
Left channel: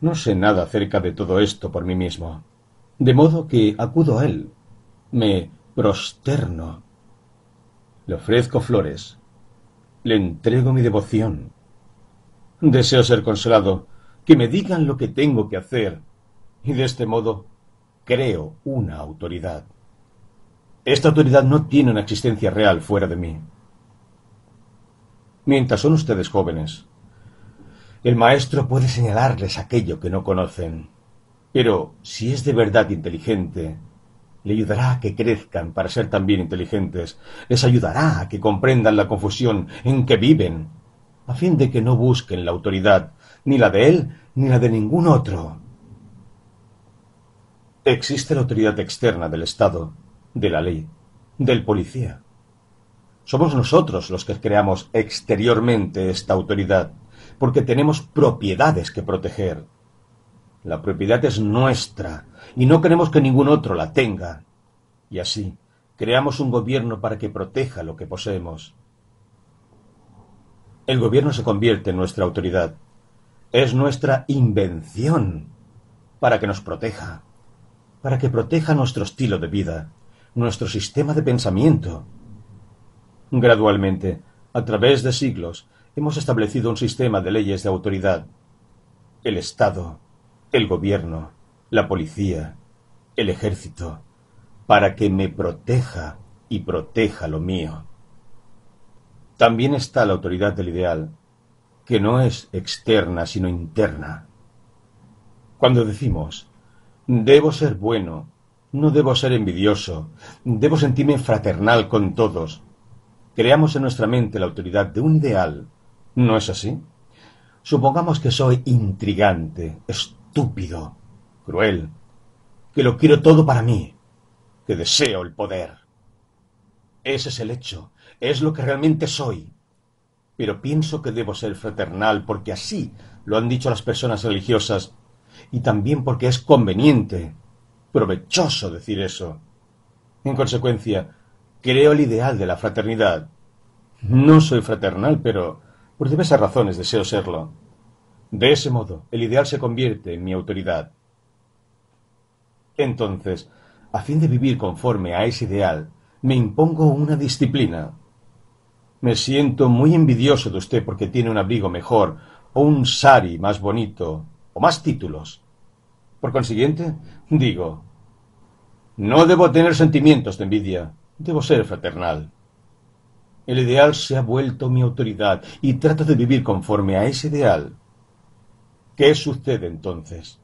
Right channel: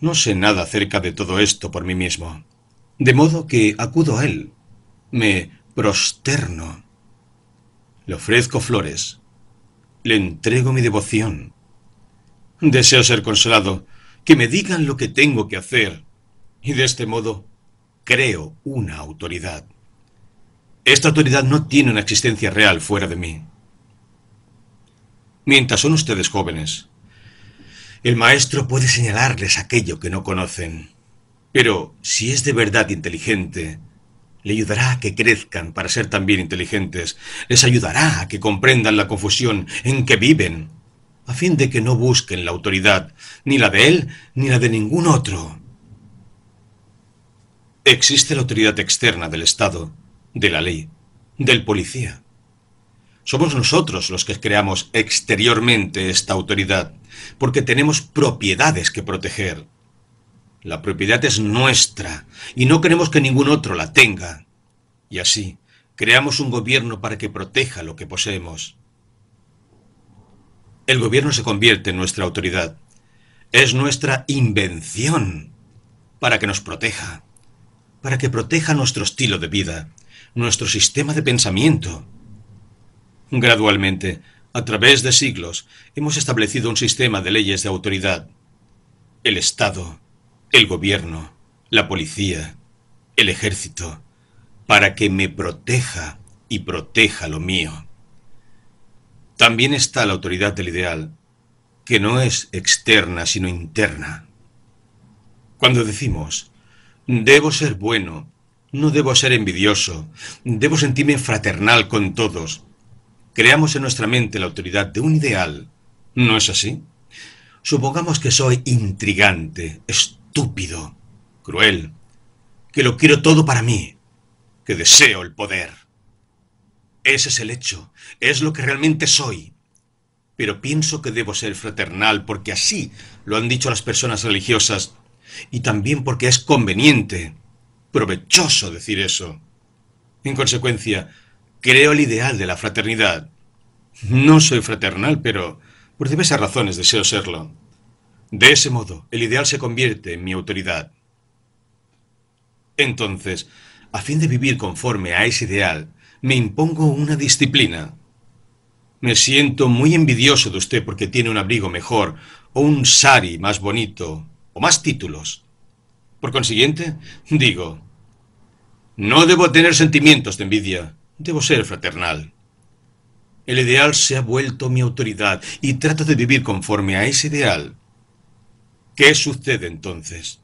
No sé nada acerca de todo esto por mí mismo, de modo que acudo a él, me prosterno, le ofrezco flores, le entrego mi devoción. Deseo ser consolado, que me digan lo que tengo que hacer, y de este modo creo una autoridad. Esta autoridad no tiene una existencia real fuera de mí. Mientras son ustedes jóvenes, el maestro puede señalarles aquello que no conocen, pero si es de verdad inteligente, le ayudará a que crezcan para ser también inteligentes, les ayudará a que comprendan la confusión en que viven, a fin de que no busquen la autoridad, ni la de él, ni la de ningún otro. Existe la autoridad externa del Estado, de la ley, del policía. Somos nosotros los que creamos exteriormente esta autoridad, porque tenemos propiedades que proteger. La propiedad es nuestra y no queremos que ningún otro la tenga. Y así, creamos un gobierno para que proteja lo que poseemos. El gobierno se convierte en nuestra autoridad. Es nuestra invención para que nos proteja, para que proteja nuestro estilo de vida, nuestro sistema de pensamiento. Gradualmente, a través de siglos, hemos establecido un sistema de leyes de autoridad. El Estado, el gobierno, la policía, el ejército, para que me proteja y proteja lo mío. También está la autoridad del ideal, que no es externa sino interna. Cuando decimos, debo ser bueno, no debo ser envidioso, debo sentirme fraternal con todos, creamos en nuestra mente la autoridad de un ideal. ¿No es así? Supongamos que soy intrigante, estúpido, cruel, que lo quiero todo para mí, que deseo el poder. Ese es el hecho, es lo que realmente soy. Pero pienso que debo ser fraternal porque así lo han dicho las personas religiosas y también porque es conveniente, provechoso decir eso. En consecuencia, creo el ideal de la fraternidad. No soy fraternal, pero por diversas razones deseo serlo. De ese modo, el ideal se convierte en mi autoridad. Entonces, a fin de vivir conforme a ese ideal, me impongo una disciplina. Me siento muy envidioso de usted porque tiene un abrigo mejor, o un sari más bonito, o más títulos. Por consiguiente, digo, no debo tener sentimientos de envidia, debo ser fraternal. El ideal se ha vuelto mi autoridad y trato de vivir conforme a ese ideal. ¿Qué sucede entonces?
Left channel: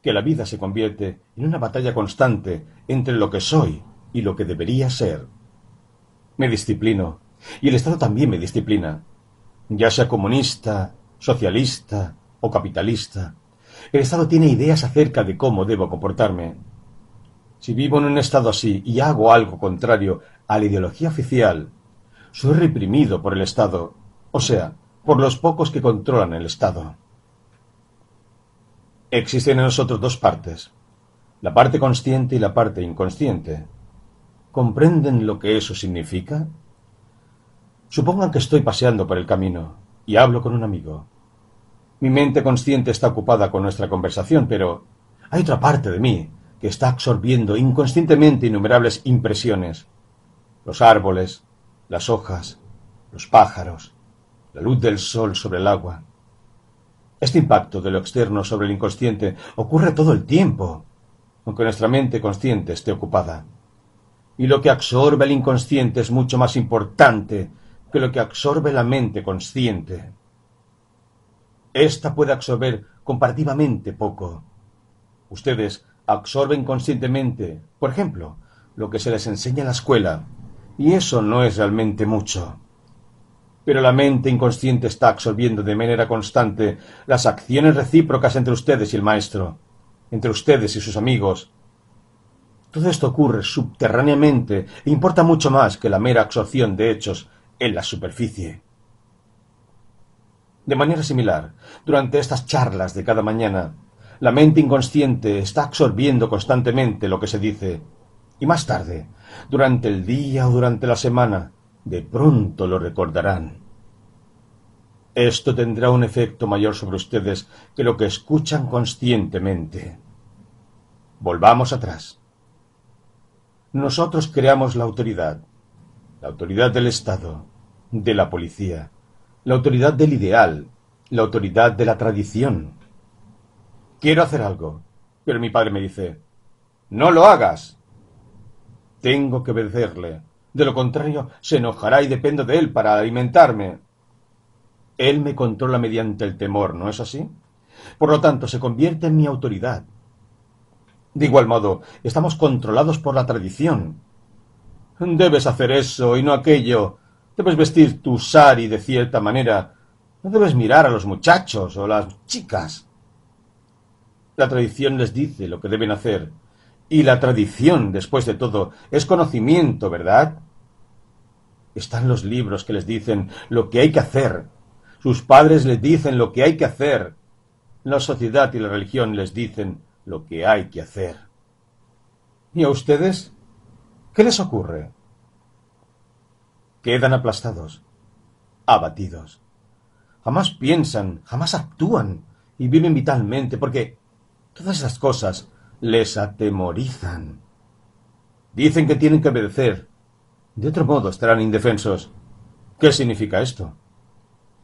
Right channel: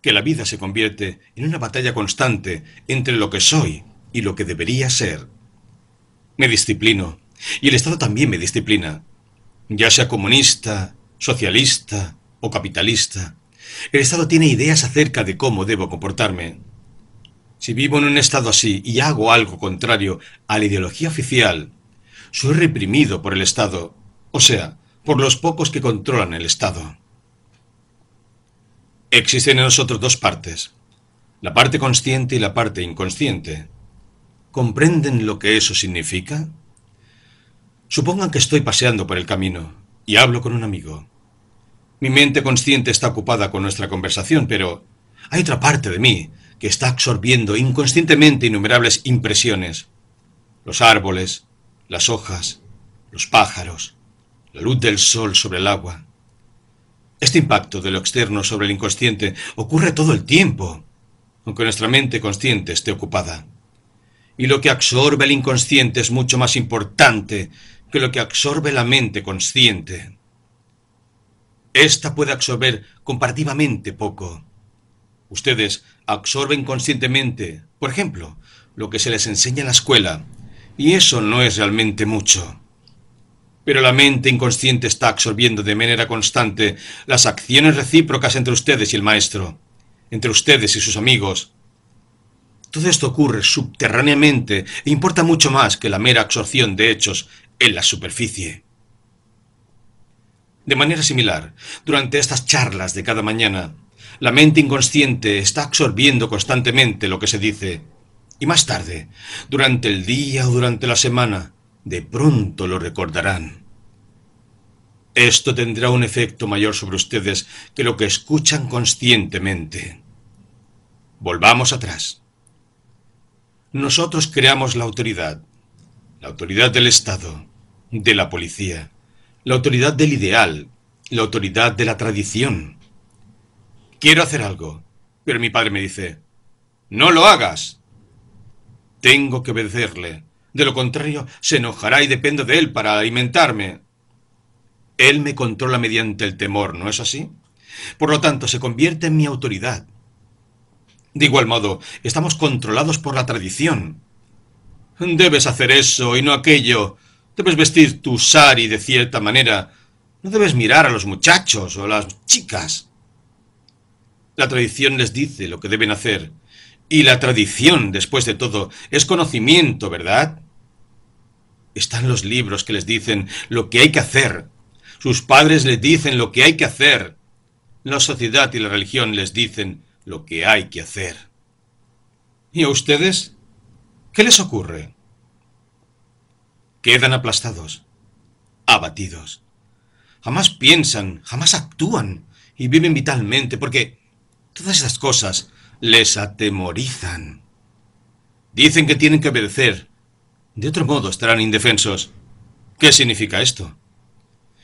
Que la vida se convierte en una batalla constante entre lo que soy y lo que debería ser. Me disciplino, y el Estado también me disciplina, ya sea comunista, socialista o capitalista. El Estado tiene ideas acerca de cómo debo comportarme. Si vivo en un estado así y hago algo contrario a la ideología oficial, soy reprimido por el Estado, o sea, por los pocos que controlan el Estado. Existen en nosotros dos partes, la parte consciente y la parte inconsciente. ¿Comprenden lo que eso significa? Supongan que estoy paseando por el camino y hablo con un amigo. Mi mente consciente está ocupada con nuestra conversación, pero hay otra parte de mí que está absorbiendo inconscientemente innumerables impresiones. Los árboles, las hojas, los pájaros, la luz del sol sobre el agua. Este impacto de lo externo sobre el inconsciente ocurre todo el tiempo, aunque nuestra mente consciente esté ocupada. Y lo que absorbe el inconsciente es mucho más importante que lo que absorbe la mente consciente. Esta puede absorber comparativamente poco. Ustedes absorben conscientemente, por ejemplo, lo que se les enseña en la escuela, y eso no es realmente mucho. Pero la mente inconsciente está absorbiendo de manera constante las acciones recíprocas entre ustedes y el maestro, entre ustedes y sus amigos. Todo esto ocurre subterráneamente e importa mucho más que la mera absorción de hechos en la superficie. De manera similar, durante estas charlas de cada mañana, la mente inconsciente está absorbiendo constantemente lo que se dice, y más tarde, durante el día o durante la semana, de pronto lo recordarán. Esto tendrá un efecto mayor sobre ustedes que lo que escuchan conscientemente. Volvamos atrás. Nosotros creamos la autoridad del Estado, de la policía, la autoridad del ideal, la autoridad de la tradición. Quiero hacer algo, pero mi padre me dice, no lo hagas. Tengo que obedecerle, de lo contrario se enojará y dependo de él para alimentarme. Él me controla mediante el temor, ¿no es así? Por lo tanto, se convierte en mi autoridad. De igual modo, estamos controlados por la tradición. Debes hacer eso y no aquello. Debes vestir tu sari de cierta manera. No debes mirar a los muchachos o las chicas. La tradición les dice lo que deben hacer, Y la tradición, después de todo, es conocimiento, ¿verdad? Están los libros que les dicen lo que hay que hacer. Sus padres les dicen lo que hay que hacer. La sociedad y la religión les dicen lo que hay que hacer. ¿Y a ustedes? ¿Qué les ocurre? Quedan aplastados, abatidos. Jamás piensan, jamás actúan y viven vitalmente porque todas esas cosas les atemorizan. Dicen que tienen que obedecer. De otro modo estarán indefensos. ¿Qué significa esto?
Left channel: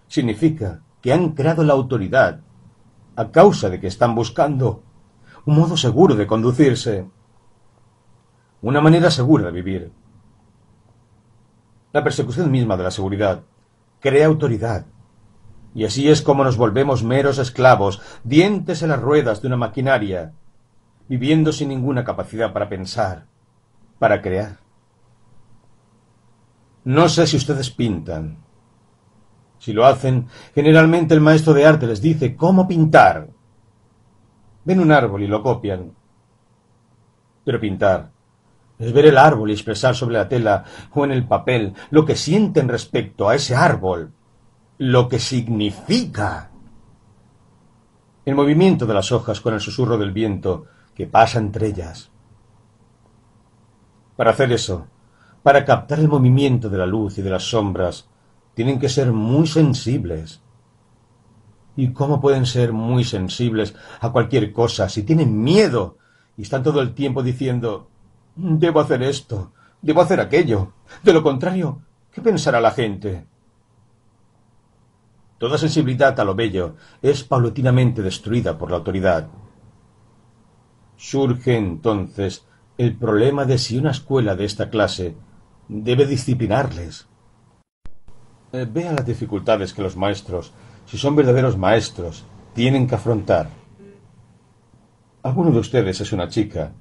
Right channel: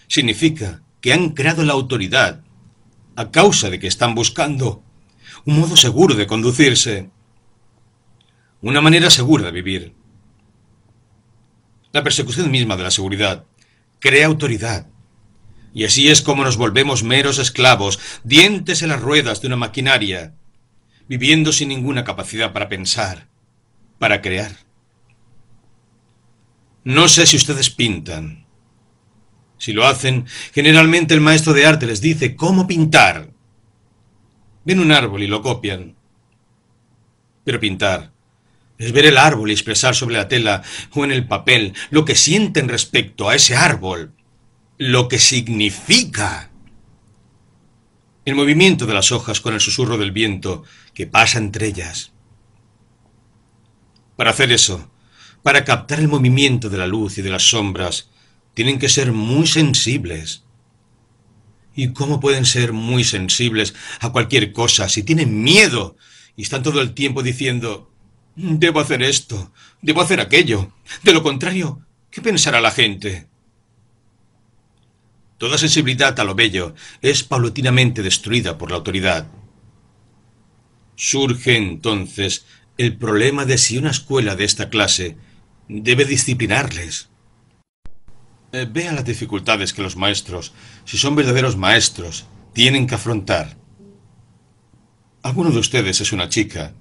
Significa que han creado la autoridad a causa de que están buscando un modo seguro de conducirse, una manera segura de vivir. La persecución misma de la seguridad crea autoridad, y así es como nos volvemos meros esclavos, dientes en las ruedas de una maquinaria, viviendo sin ninguna capacidad para pensar, para crear. No sé si ustedes pintan. Si lo hacen, generalmente el maestro de arte les dice cómo pintar. Ven un árbol y lo copian. Pero pintar es ver el árbol y expresar sobre la tela o en el papel lo que sienten respecto a ese árbol, lo que significa. El movimiento de las hojas con el susurro del viento que pasa entre ellas. Para hacer eso, para captar el movimiento de la luz y de las sombras, tienen que ser muy sensibles. ¿Y cómo pueden ser muy sensibles a cualquier cosa si tienen miedo y están todo el tiempo diciendo: debo hacer esto, debo hacer aquello? De lo contrario, ¿qué pensará la gente? Toda sensibilidad a lo bello es paulatinamente destruida por la autoridad. Surge entonces el problema de si una escuela de esta clase debe disciplinarles. Vean las dificultades que los maestros, si son verdaderos maestros, tienen que afrontar. Alguno de ustedes es una chica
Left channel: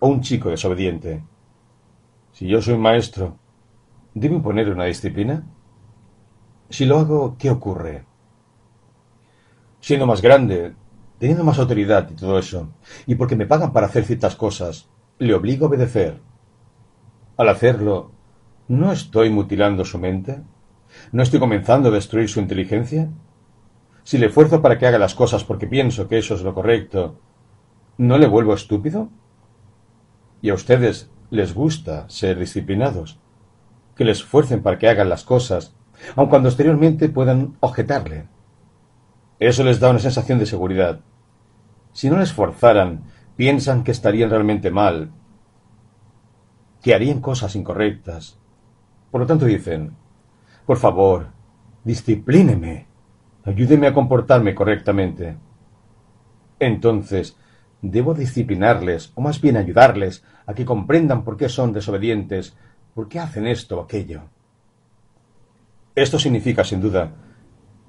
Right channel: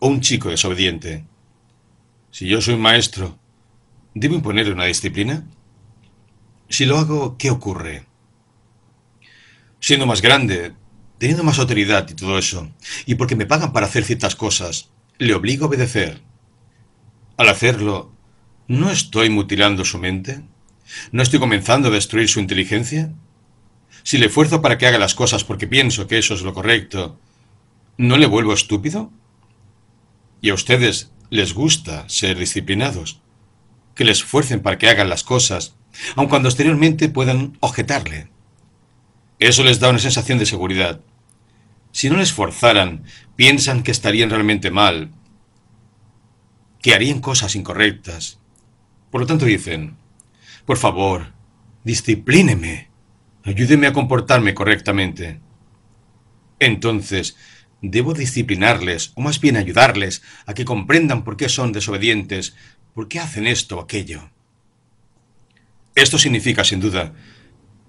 o un chico desobediente. Si yo soy un maestro, ¿debo imponer una disciplina? Si lo hago, ¿qué ocurre? Siendo más grande, teniendo más autoridad y todo eso, y porque me pagan para hacer ciertas cosas, le obligo a obedecer. Al hacerlo, ¿no estoy mutilando su mente? ¿No estoy comenzando a destruir su inteligencia? Si le esfuerzo para que haga las cosas porque pienso que eso es lo correcto, ¿no le vuelvo estúpido? Y a ustedes les gusta ser disciplinados, que les esfuercen para que hagan las cosas, aun cuando exteriormente puedan objetarle. Eso les da una sensación de seguridad. Si no les forzaran, piensan que estarían realmente mal, que harían cosas incorrectas. Por lo tanto dicen: por favor, disciplíneme, ayúdeme a comportarme correctamente. Entonces, debo disciplinarles, o más bien ayudarles, a que comprendan por qué son desobedientes, por qué hacen esto o aquello. Esto significa, sin duda,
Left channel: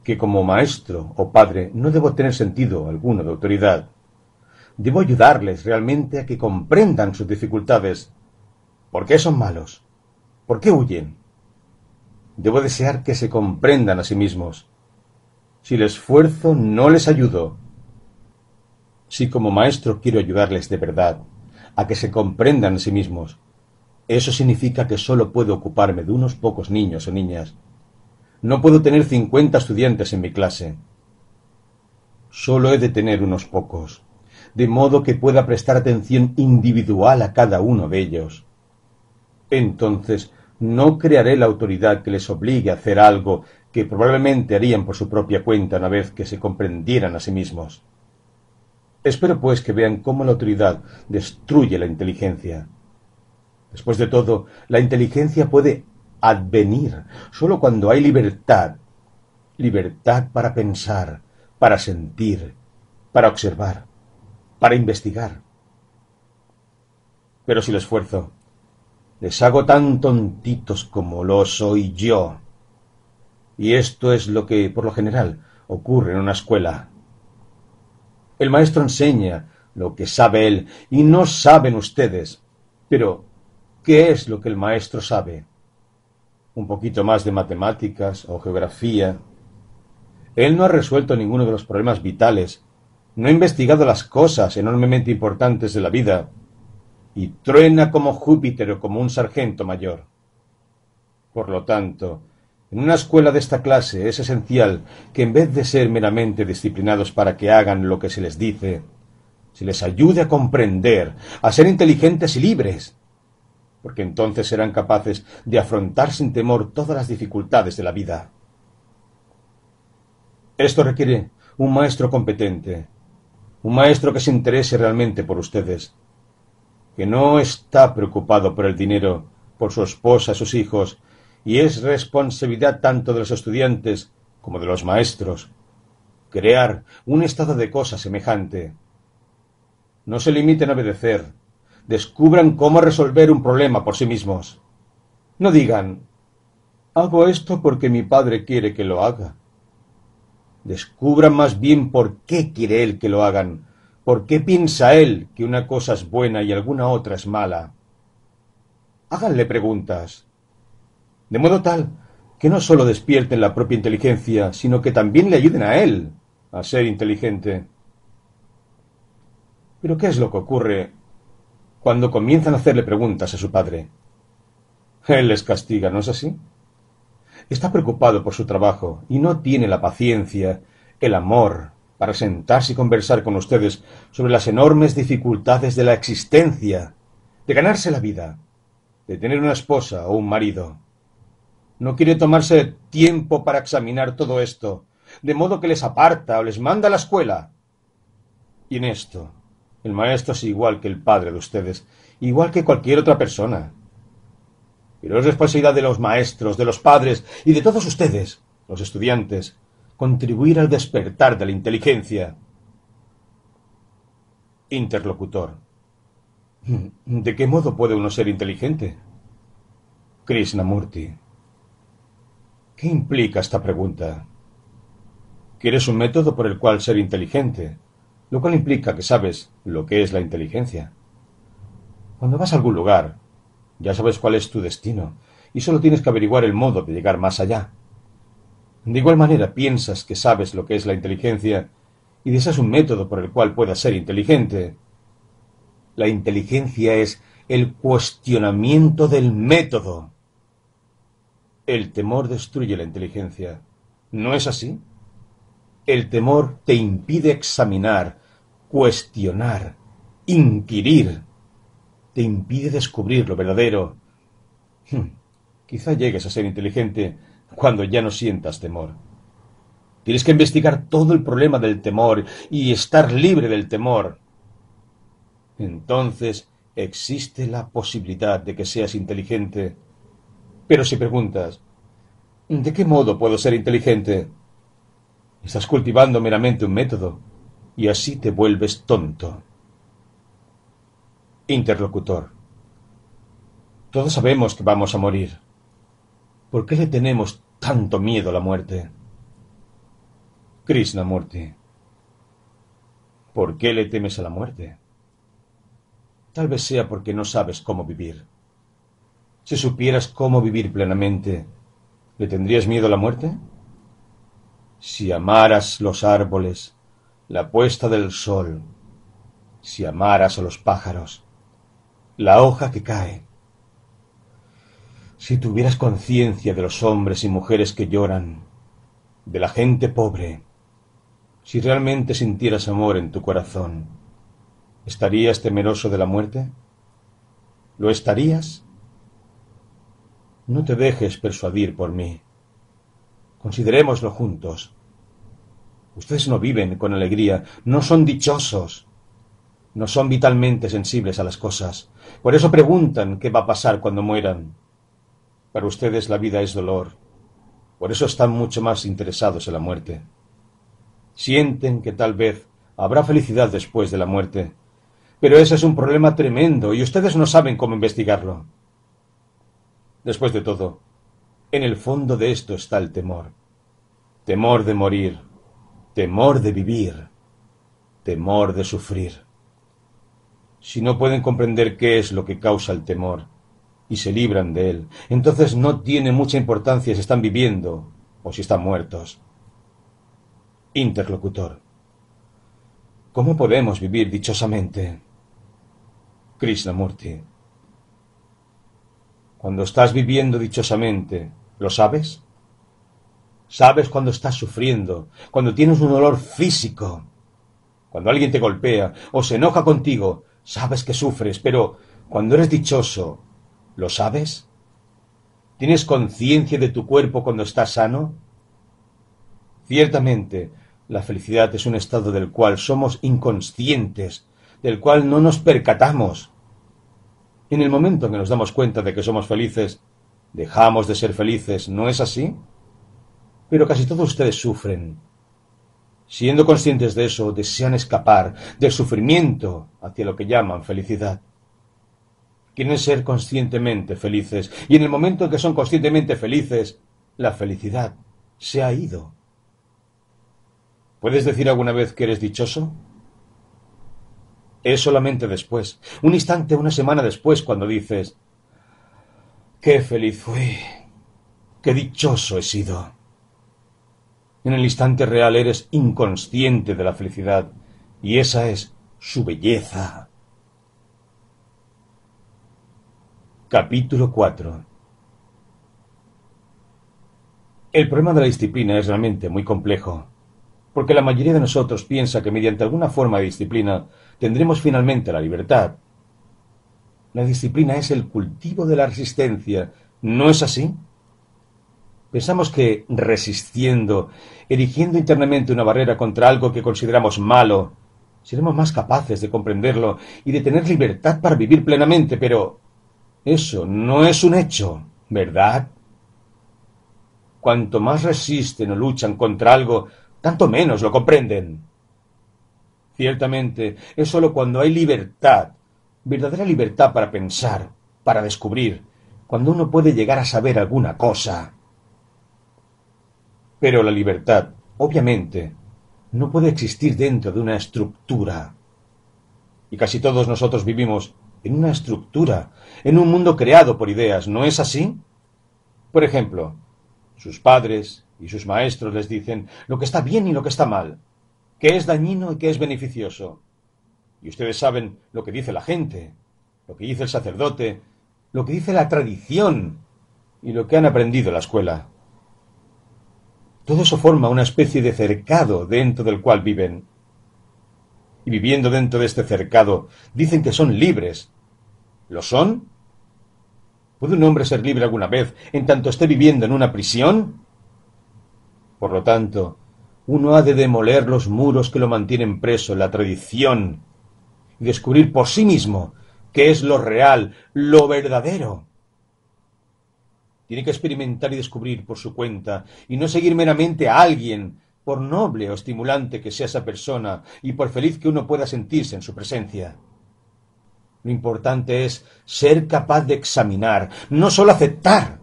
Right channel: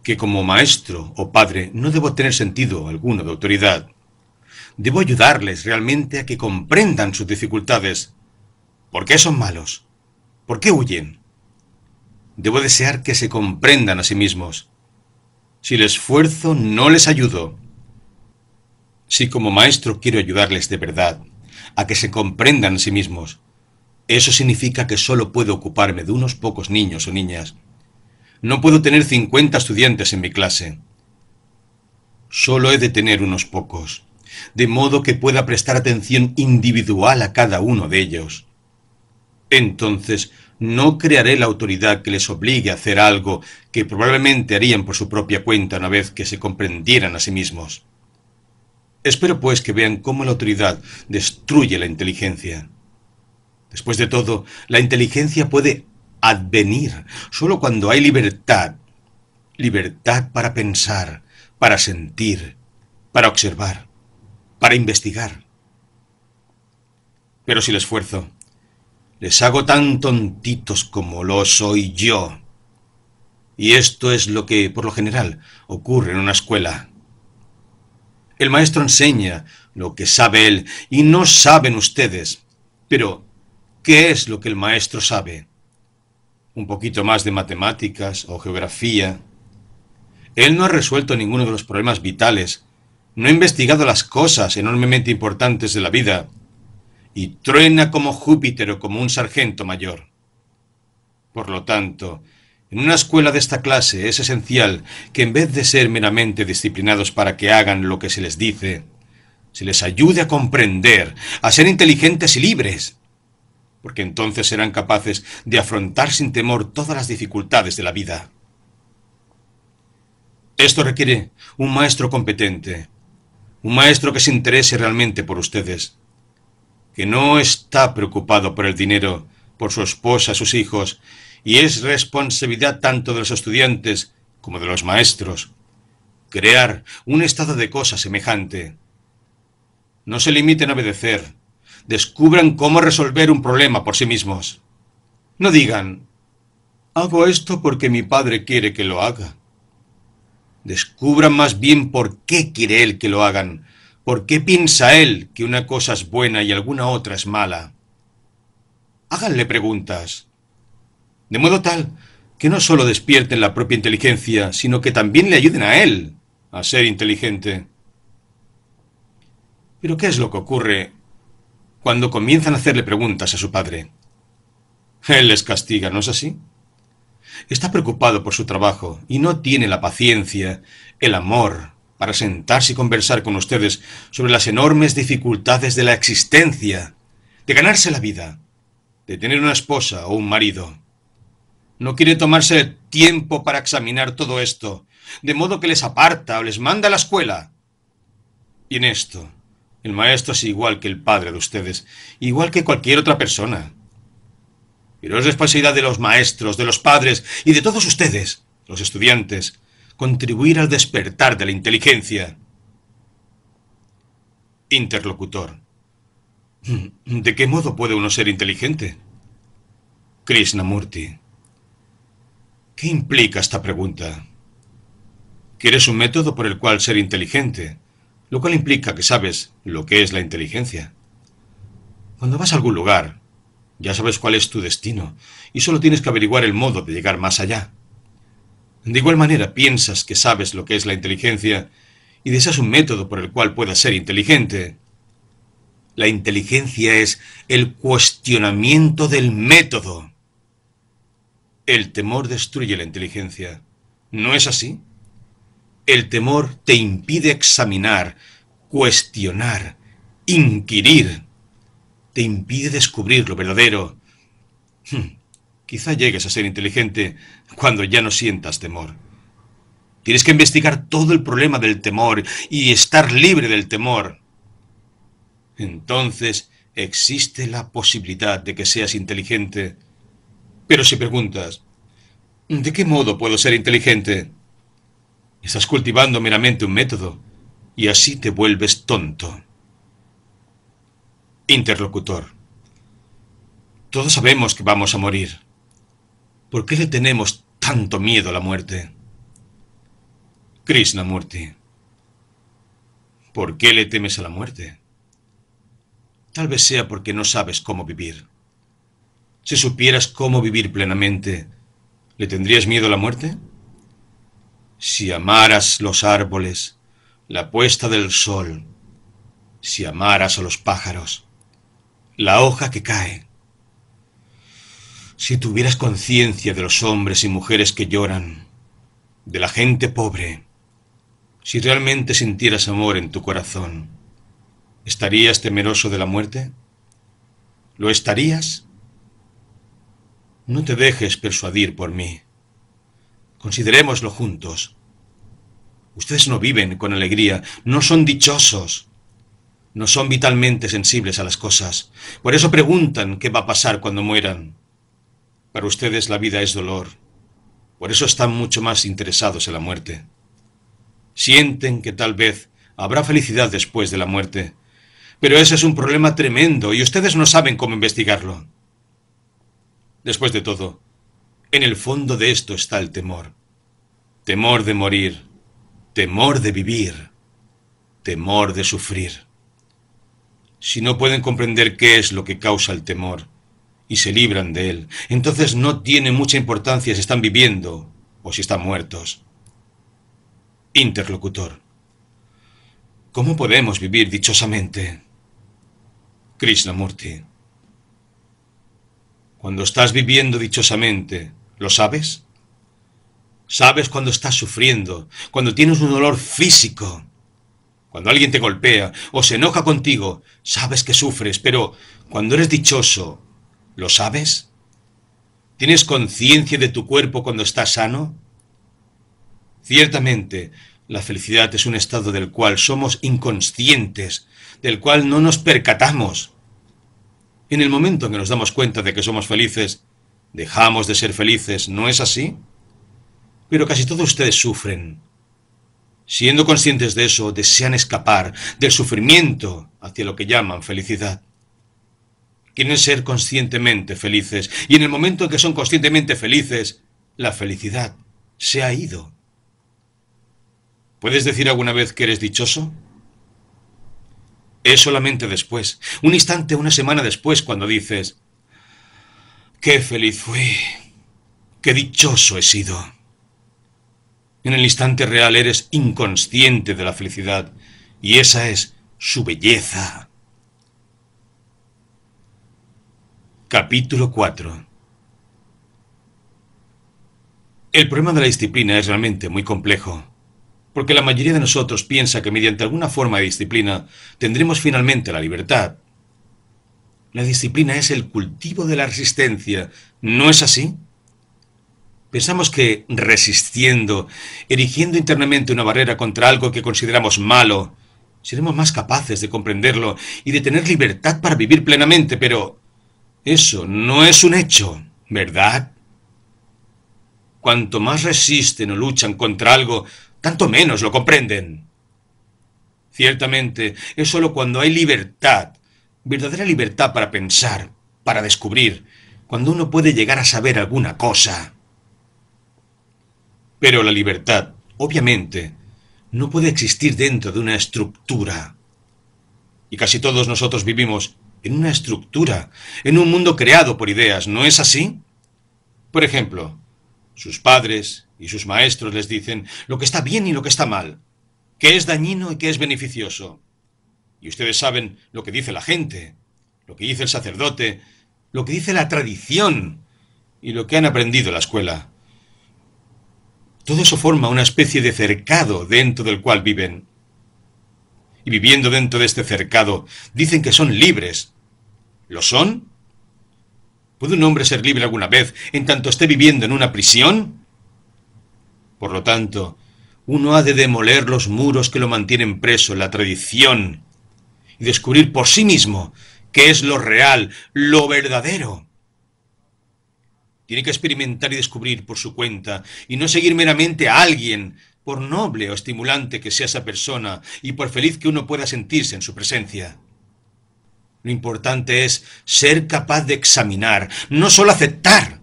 que como maestro o padre no debo tener sentido alguno de autoridad. Debo ayudarles realmente a que comprendan sus dificultades. ¿Por qué son malos? ¿Por qué huyen? Debo desear que se comprendan a sí mismos. Si les esfuerzo, no les ayudo. Si como maestro quiero ayudarles de verdad a que se comprendan a sí mismos, eso significa que solo puedo ocuparme de unos pocos niños o niñas. No puedo tener 50 estudiantes en mi clase. Solo he de tener unos pocos, de modo que pueda prestar atención individual a cada uno de ellos. Entonces, no crearé la autoridad que les obligue a hacer algo que probablemente harían por su propia cuenta una vez que se comprendieran a sí mismos. Espero pues que vean cómo la autoridad destruye la inteligencia. Después de todo, la inteligencia puede advenir solo cuando hay libertad. Libertad para pensar, para sentir, para observar, para investigar. Pero si les esfuerzo, les hago tan tontitos como lo soy yo. Y esto es lo que, por lo general, ocurre en una escuela. El maestro enseña lo que sabe él y no saben ustedes. Pero, ¿qué es lo que el maestro sabe? Un poquito más de matemáticas o geografía. Él no ha resuelto ninguno de los problemas vitales, no ha investigado las cosas enormemente importantes de la vida. y truena como Júpiter o como un sargento mayor. Por lo tanto, en una escuela de esta clase es esencial que en vez de ser meramente disciplinados para que hagan lo que se les dice, se les ayude a comprender, a ser inteligentes y libres, porque entonces serán capaces de afrontar sin temor todas las dificultades de la vida. Esto requiere un maestro competente, un maestro que se interese realmente por ustedes, que no está preocupado por el dinero, por su esposa, sus hijos, y es responsabilidad tanto de los estudiantes como de los maestros crear un estado de cosas semejante. No se limiten a obedecer, descubran cómo resolver un problema por sí mismos. No digan, hago esto porque mi padre quiere que lo haga. Descubran más bien por qué quiere él que lo hagan, por qué piensa él que una cosa es buena y alguna otra es mala. Háganle preguntas, de modo tal que no solo despierten la propia inteligencia, sino que también le ayuden a él a ser inteligente. Pero ¿qué es lo que ocurre cuando comienzan a hacerle preguntas a su padre? Él les castiga, ¿no es así? Está preocupado por su trabajo y no tiene la paciencia, el amor, para sentarse y conversar con ustedes sobre las enormes dificultades de la existencia, de ganarse la vida, de tener una esposa o un marido. No quiere tomarse tiempo para examinar todo esto, de modo que les aparta o les manda a la escuela. Y en esto, el maestro es igual que el padre de ustedes, igual que cualquier otra persona. Pero es responsabilidad de los maestros, de los padres y de todos ustedes, los estudiantes, contribuir al despertar de la inteligencia. Interlocutor. ¿De qué modo puede uno ser inteligente? Krishnamurti. ¿Qué implica esta pregunta? ¿Quieres un método por el cual ser inteligente? Lo cual implica que sabes lo que es la inteligencia. Cuando vas a algún lugar, ya sabes cuál es tu destino, y solo tienes que averiguar el modo de llegar más allá. De igual manera, piensas que sabes lo que es la inteligencia, y deseas un método por el cual puedas ser inteligente. La inteligencia es el cuestionamiento del método. El temor destruye la inteligencia. ¿No es así? El temor te impide examinar, cuestionar, inquirir. Te impide descubrir lo verdadero. Quizá llegues a ser inteligente cuando ya no sientas temor. Tienes que investigar todo el problema del temor y estar libre del temor. Entonces existe la posibilidad de que seas inteligente. Pero si preguntas, ¿de qué modo puedo ser inteligente? Estás cultivando meramente un método y así te vuelves tonto. Interlocutor. Todos sabemos que vamos a morir. ¿Por qué le tenemos tanto miedo a la muerte? Krishnamurti. ¿Por qué le temes a la muerte? Tal vez sea porque no sabes cómo vivir. Si supieras cómo vivir plenamente, ¿le tendrías miedo a la muerte? Si amaras los árboles, la puesta del sol, si amaras a los pájaros, la hoja que cae, si tuvieras conciencia de los hombres y mujeres que lloran, de la gente pobre, si realmente sintieras amor en tu corazón, ¿estarías temeroso de la muerte? ¿Lo estarías? No te dejes persuadir por mí. Considerémoslo juntos. Ustedes no viven con alegría, no son dichosos, no son vitalmente sensibles a las cosas. Por eso preguntan qué va a pasar cuando mueran. Para ustedes la vida es dolor. Por eso están mucho más interesados en la muerte. Sienten que tal vez habrá felicidad después de la muerte. Pero ese es un problema tremendo y ustedes no saben cómo investigarlo. Después de todo, en el fondo de esto está el temor. Temor de morir, temor de vivir, temor de sufrir. Si no pueden comprender qué es lo que causa el temor y se libran de él, entonces no tiene mucha importancia si están viviendo o si están muertos. Interlocutor. ¿Cómo podemos vivir dichosamente? Krishnamurti. Cuando estás viviendo dichosamente, ¿lo sabes? ¿Sabes cuando estás sufriendo, cuando tienes un dolor físico? Cuando alguien te golpea o se enoja contigo, sabes que sufres, pero cuando eres dichoso, ¿lo sabes? ¿Tienes conciencia de tu cuerpo cuando estás sano? Ciertamente, la felicidad es un estado del cual somos inconscientes, del cual no nos percatamos. En el momento en que nos damos cuenta de que somos felices, dejamos de ser felices, ¿no es así? Pero casi todos ustedes sufren. Siendo conscientes de eso, desean escapar del sufrimiento hacia lo que llaman felicidad. Quieren ser conscientemente felices, y en el momento en que son conscientemente felices, la felicidad se ha ido. ¿Puedes decir alguna vez que eres dichoso? Es solamente después, un instante, una semana después, cuando dices, ¡qué feliz fui! ¡Qué dichoso he sido! En el instante real eres inconsciente de la felicidad, y esa es su belleza. Capítulo 4. El problema de la disciplina es realmente muy complejo, porque la mayoría de nosotros piensa que mediante alguna forma de disciplina tendremos finalmente la libertad. La disciplina es el cultivo de la resistencia, ¿no es así? Pensamos que resistiendo, erigiendo internamente una barrera contra algo que consideramos malo, seremos más capaces de comprenderlo y de tener libertad para vivir plenamente, pero eso no es un hecho, ¿verdad? Cuanto más resisten o luchan contra algo, tanto menos lo comprenden. Ciertamente, es sólo cuando hay libertad, verdadera libertad para pensar, para descubrir, cuando uno puede llegar a saber alguna cosa. Pero la libertad, obviamente, no puede existir dentro de una estructura. Y casi todos nosotros vivimos en una estructura, en un mundo creado por ideas, ¿no es así? Por ejemplo, sus padres y sus maestros les dicen lo que está bien y lo que está mal, qué es dañino y qué es beneficioso. Y ustedes saben lo que dice la gente, lo que dice el sacerdote, lo que dice la tradición y lo que han aprendido en la escuela. Todo eso forma una especie de cercado dentro del cual viven. Y viviendo dentro de este cercado, dicen que son libres. ¿Lo son? ¿Puede un hombre ser libre alguna vez en tanto esté viviendo en una prisión? Por lo tanto, uno ha de demoler los muros que lo mantienen preso en la tradición y descubrir por sí mismo qué es lo real, lo verdadero. Tiene que experimentar y descubrir por su cuenta, y no seguir meramente a alguien, por noble o estimulante que sea esa persona, y por feliz que uno pueda sentirse en su presencia. Lo importante es ser capaz de examinar, no solo aceptar,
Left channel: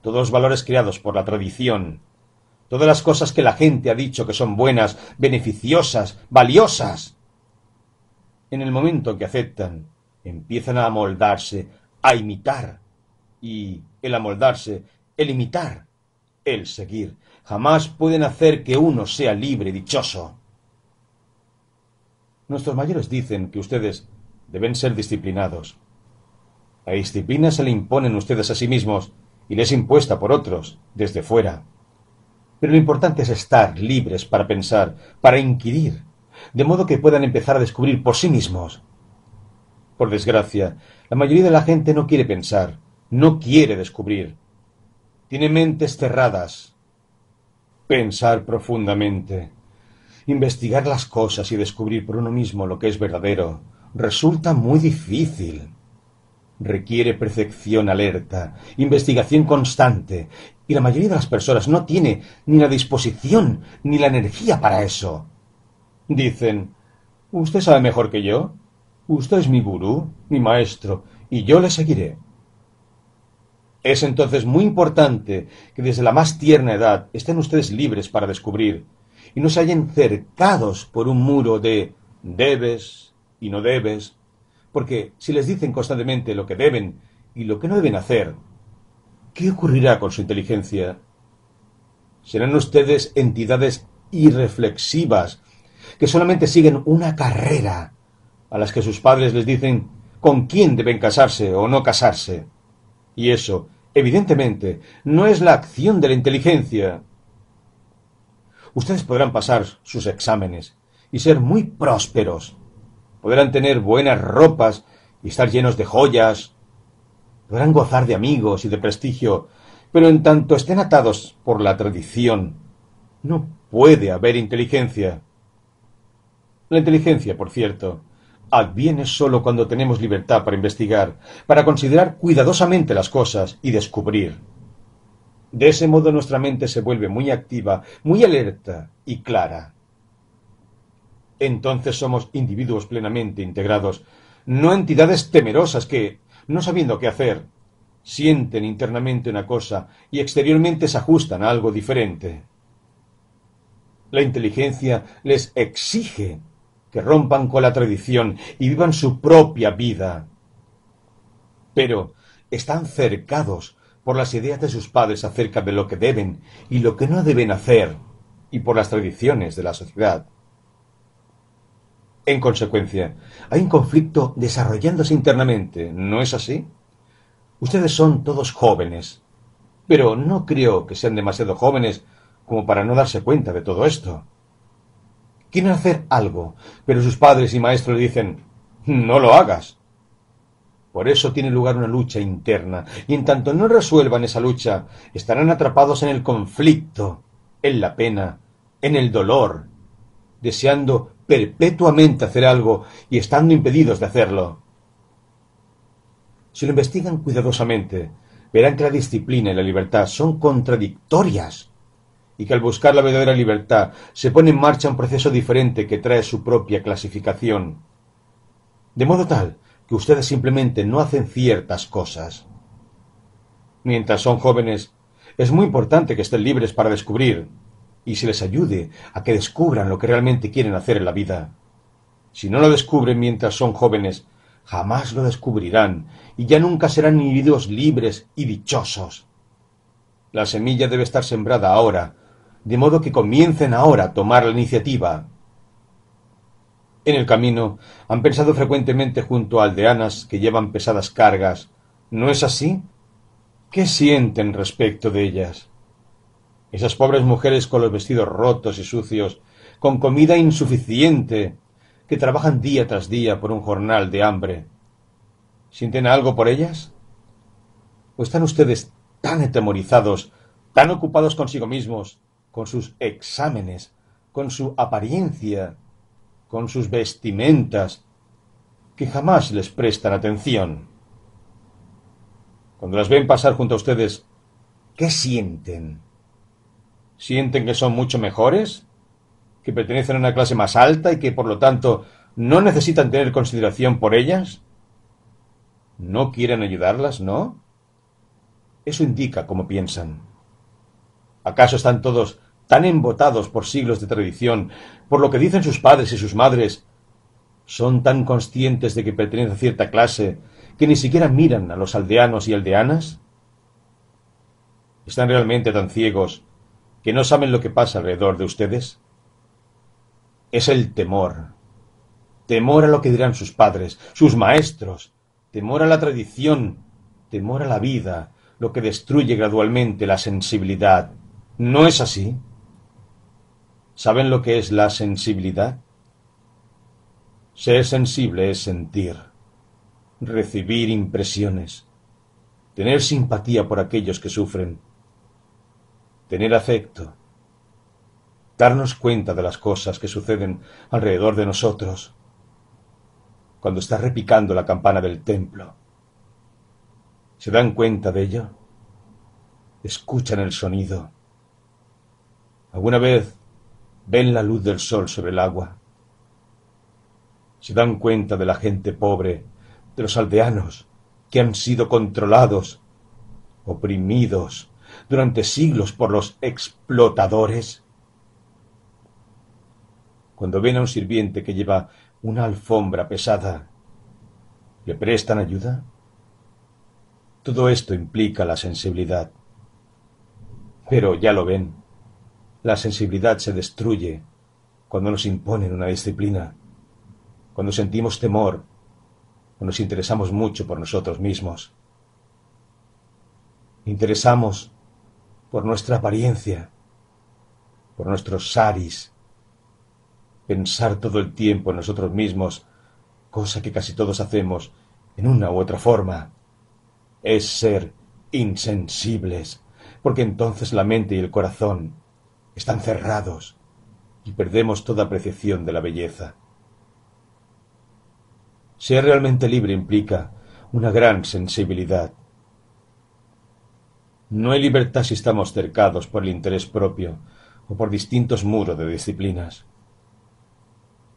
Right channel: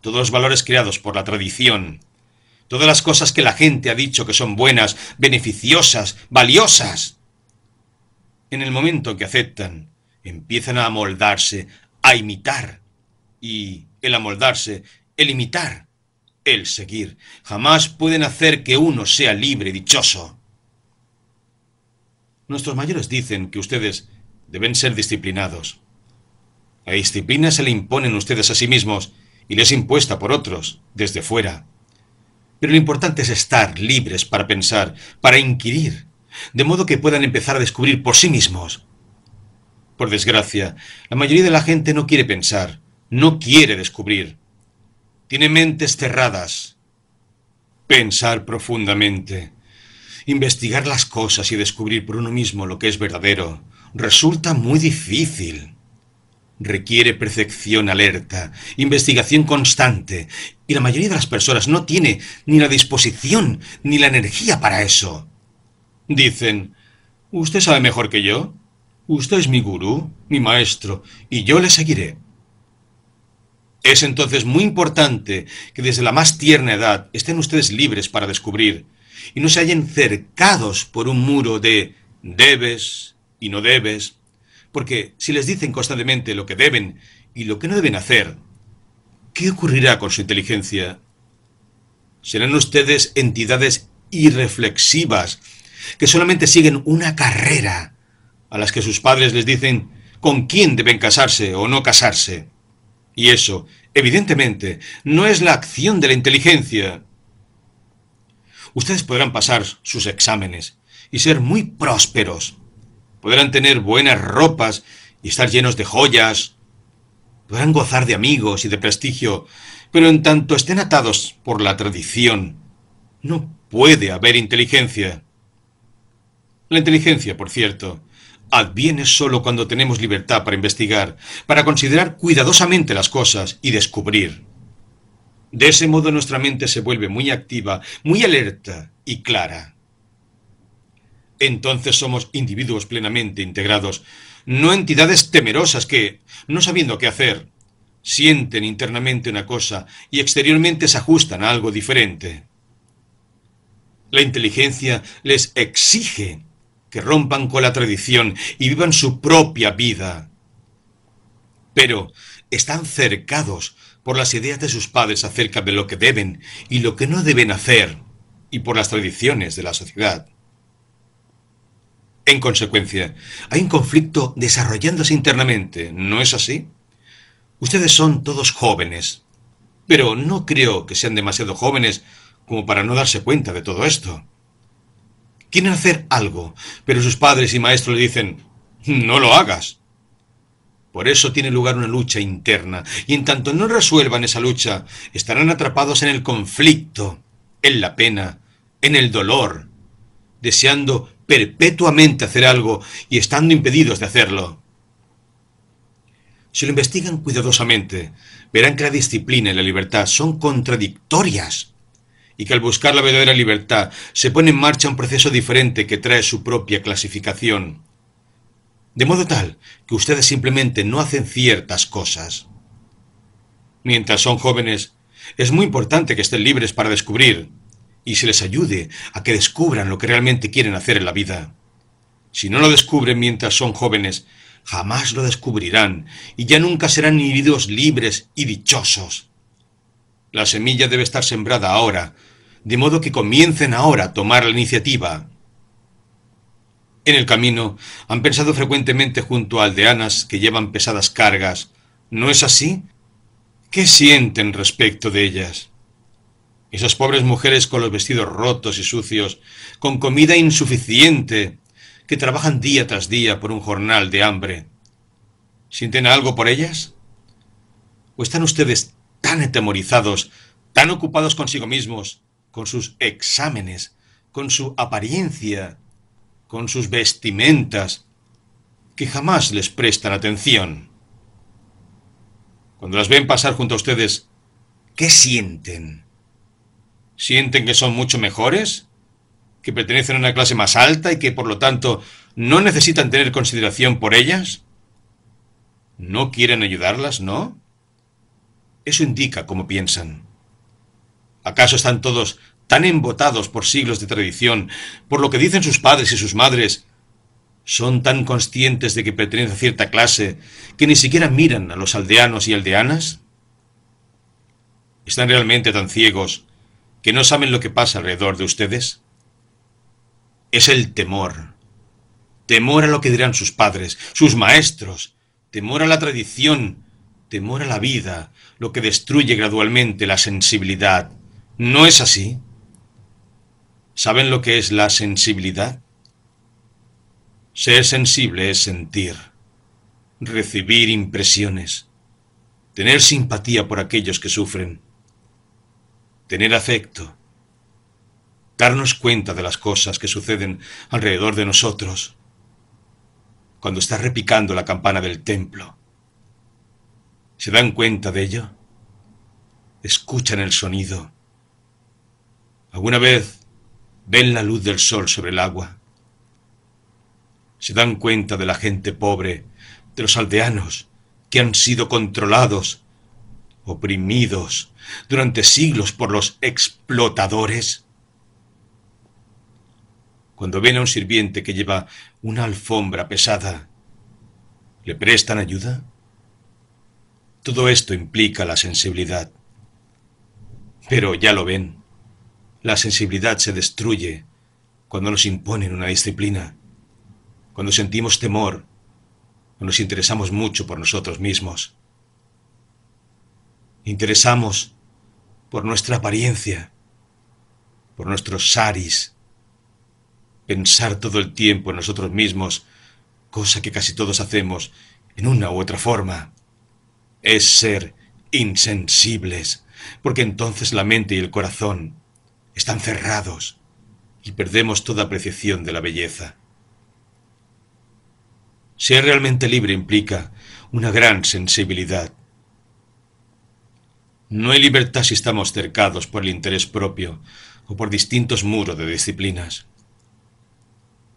todos los valores creados por la tradición, todas las cosas que la gente ha dicho que son buenas, beneficiosas, valiosas. En el momento que aceptan, empiezan a amoldarse, a imitar, y el amoldarse, el imitar, el seguir, jamás pueden hacer que uno sea libre y dichoso. Nuestros mayores dicen que ustedes deben ser disciplinados. La disciplina se le imponen ustedes a sí mismos y les es impuesta por otros, desde fuera. Pero lo importante es estar libres para pensar, para inquirir, de modo que puedan empezar a descubrir por sí mismos. Por desgracia, la mayoría de la gente no quiere pensar, no quiere descubrir. Tiene mentes cerradas. Pensar profundamente, investigar las cosas y descubrir por uno mismo lo que es verdadero, resulta muy difícil. Requiere percepción alerta, investigación constante, y la mayoría de las personas no tiene ni la disposición ni la energía para eso. Dicen, «Usted sabe mejor que yo. Usted es mi gurú, mi maestro, y yo le seguiré». Es entonces muy importante que desde la más tierna edad estén ustedes libres para descubrir, y no se hallen cercados por un muro de debes y no debes, porque si les dicen constantemente lo que deben y lo que no deben hacer, ¿qué ocurrirá con su inteligencia? Serán ustedes entidades irreflexivas, que solamente siguen una carrera, a las que sus padres les dicen con quién deben casarse o no casarse. Y eso, evidentemente, no es la acción de la inteligencia. Ustedes podrán pasar sus exámenes y ser muy prósperos. Podrán tener buenas ropas y estar llenos de joyas. Podrán gozar de amigos y de prestigio, pero en tanto estén atados por la tradición, no puede haber inteligencia. La inteligencia, por cierto, adviene solo cuando tenemos libertad para investigar, para considerar cuidadosamente las cosas y descubrir. De ese modo nuestra mente se vuelve muy activa, muy alerta y clara. Entonces somos individuos plenamente integrados, no entidades temerosas que, no sabiendo qué hacer, sienten internamente una cosa y exteriormente se ajustan a algo diferente. La inteligencia les exige que rompan con la tradición y vivan su propia vida. Pero están cercados por las ideas de sus padres acerca de lo que deben y lo que no deben hacer, y por las tradiciones de la sociedad. En consecuencia, hay un conflicto desarrollándose internamente, ¿no es así? Ustedes son todos jóvenes, pero no creo que sean demasiado jóvenes como para no darse cuenta de todo esto. Quieren hacer algo, pero sus padres y maestros le dicen, no lo hagas. Por eso tiene lugar una lucha interna, y en tanto no resuelvan esa lucha, estarán atrapados en el conflicto, en la pena, en el dolor, deseando perpetuamente hacer algo y estando impedidos de hacerlo. Si lo investigan cuidadosamente, verán que la disciplina y la libertad son contradictorias, y que al buscar la verdadera libertad se pone en marcha un proceso diferente que trae su propia clasificación. De modo tal que ustedes simplemente no hacen ciertas cosas. Mientras son jóvenes, es muy importante que estén libres para descubrir, y se les ayude a que descubran lo que realmente quieren hacer en la vida. Si no lo descubren mientras son jóvenes, jamás lo descubrirán, y ya nunca serán individuos libres y dichosos. La semilla debe estar sembrada ahora, de modo que comiencen ahora a tomar la iniciativa. En el camino han pensado frecuentemente junto a aldeanas que llevan pesadas cargas. ¿No es así? ¿Qué sienten respecto de ellas? Esas pobres mujeres con los vestidos rotos y sucios, con comida insuficiente, que trabajan día tras día por un jornal de hambre. ¿Sienten algo por ellas? ¿O están ustedes tan atemorizados, tan ocupados consigo mismos, con sus exámenes, con su apariencia, con sus vestimentas, que jamás les prestan atención? Cuando las ven pasar junto a ustedes, ¿qué sienten? ¿Sienten que son mucho mejores? ¿Que pertenecen a una clase más alta y que, por lo tanto, no necesitan tener consideración por ellas? ¿No quieren ayudarlas, no? Eso indica cómo piensan. ¿Acaso están todos tan embotados por siglos de tradición, por lo que dicen sus padres y sus madres? ¿Son tan conscientes de que pertenecen a cierta clase que ni siquiera miran a los aldeanos y aldeanas? ¿Están realmente tan ciegos que no saben lo que pasa alrededor de ustedes? Es el temor. Temor a lo que dirán sus padres, sus maestros, temor a la tradición, temor a la vida, lo que destruye gradualmente la sensibilidad. ¿No es así? ¿Saben lo que es la sensibilidad? Ser sensible es sentir, recibir impresiones, tener simpatía por aquellos que sufren, tener afecto, darnos cuenta de las cosas que suceden alrededor de nosotros. Cuando está repicando la campana del templo, ¿se dan cuenta de ello? ¿Escuchan el sonido? ¿Alguna vez ven la luz del sol sobre el agua? ¿Se dan cuenta de la gente pobre, de los aldeanos que han sido controlados, oprimidos durante siglos por los explotadores? Cuando ven a un sirviente que lleva una alfombra pesada, ¿le prestan ayuda? Todo esto implica la sensibilidad. Pero ya lo ven, la sensibilidad se destruye cuando nos imponen una disciplina, cuando sentimos temor, o nos interesamos mucho por nosotros mismos. Interesamos por nuestra apariencia, por nuestros saris, pensar todo el tiempo en nosotros mismos, cosa que casi todos hacemos en una u otra forma, es ser insensibles, porque entonces la mente y el corazón están cerrados y perdemos toda apreciación de la belleza. Ser realmente libre implica una gran sensibilidad. No hay libertad si estamos cercados por el interés propio o por distintos muros de disciplinas.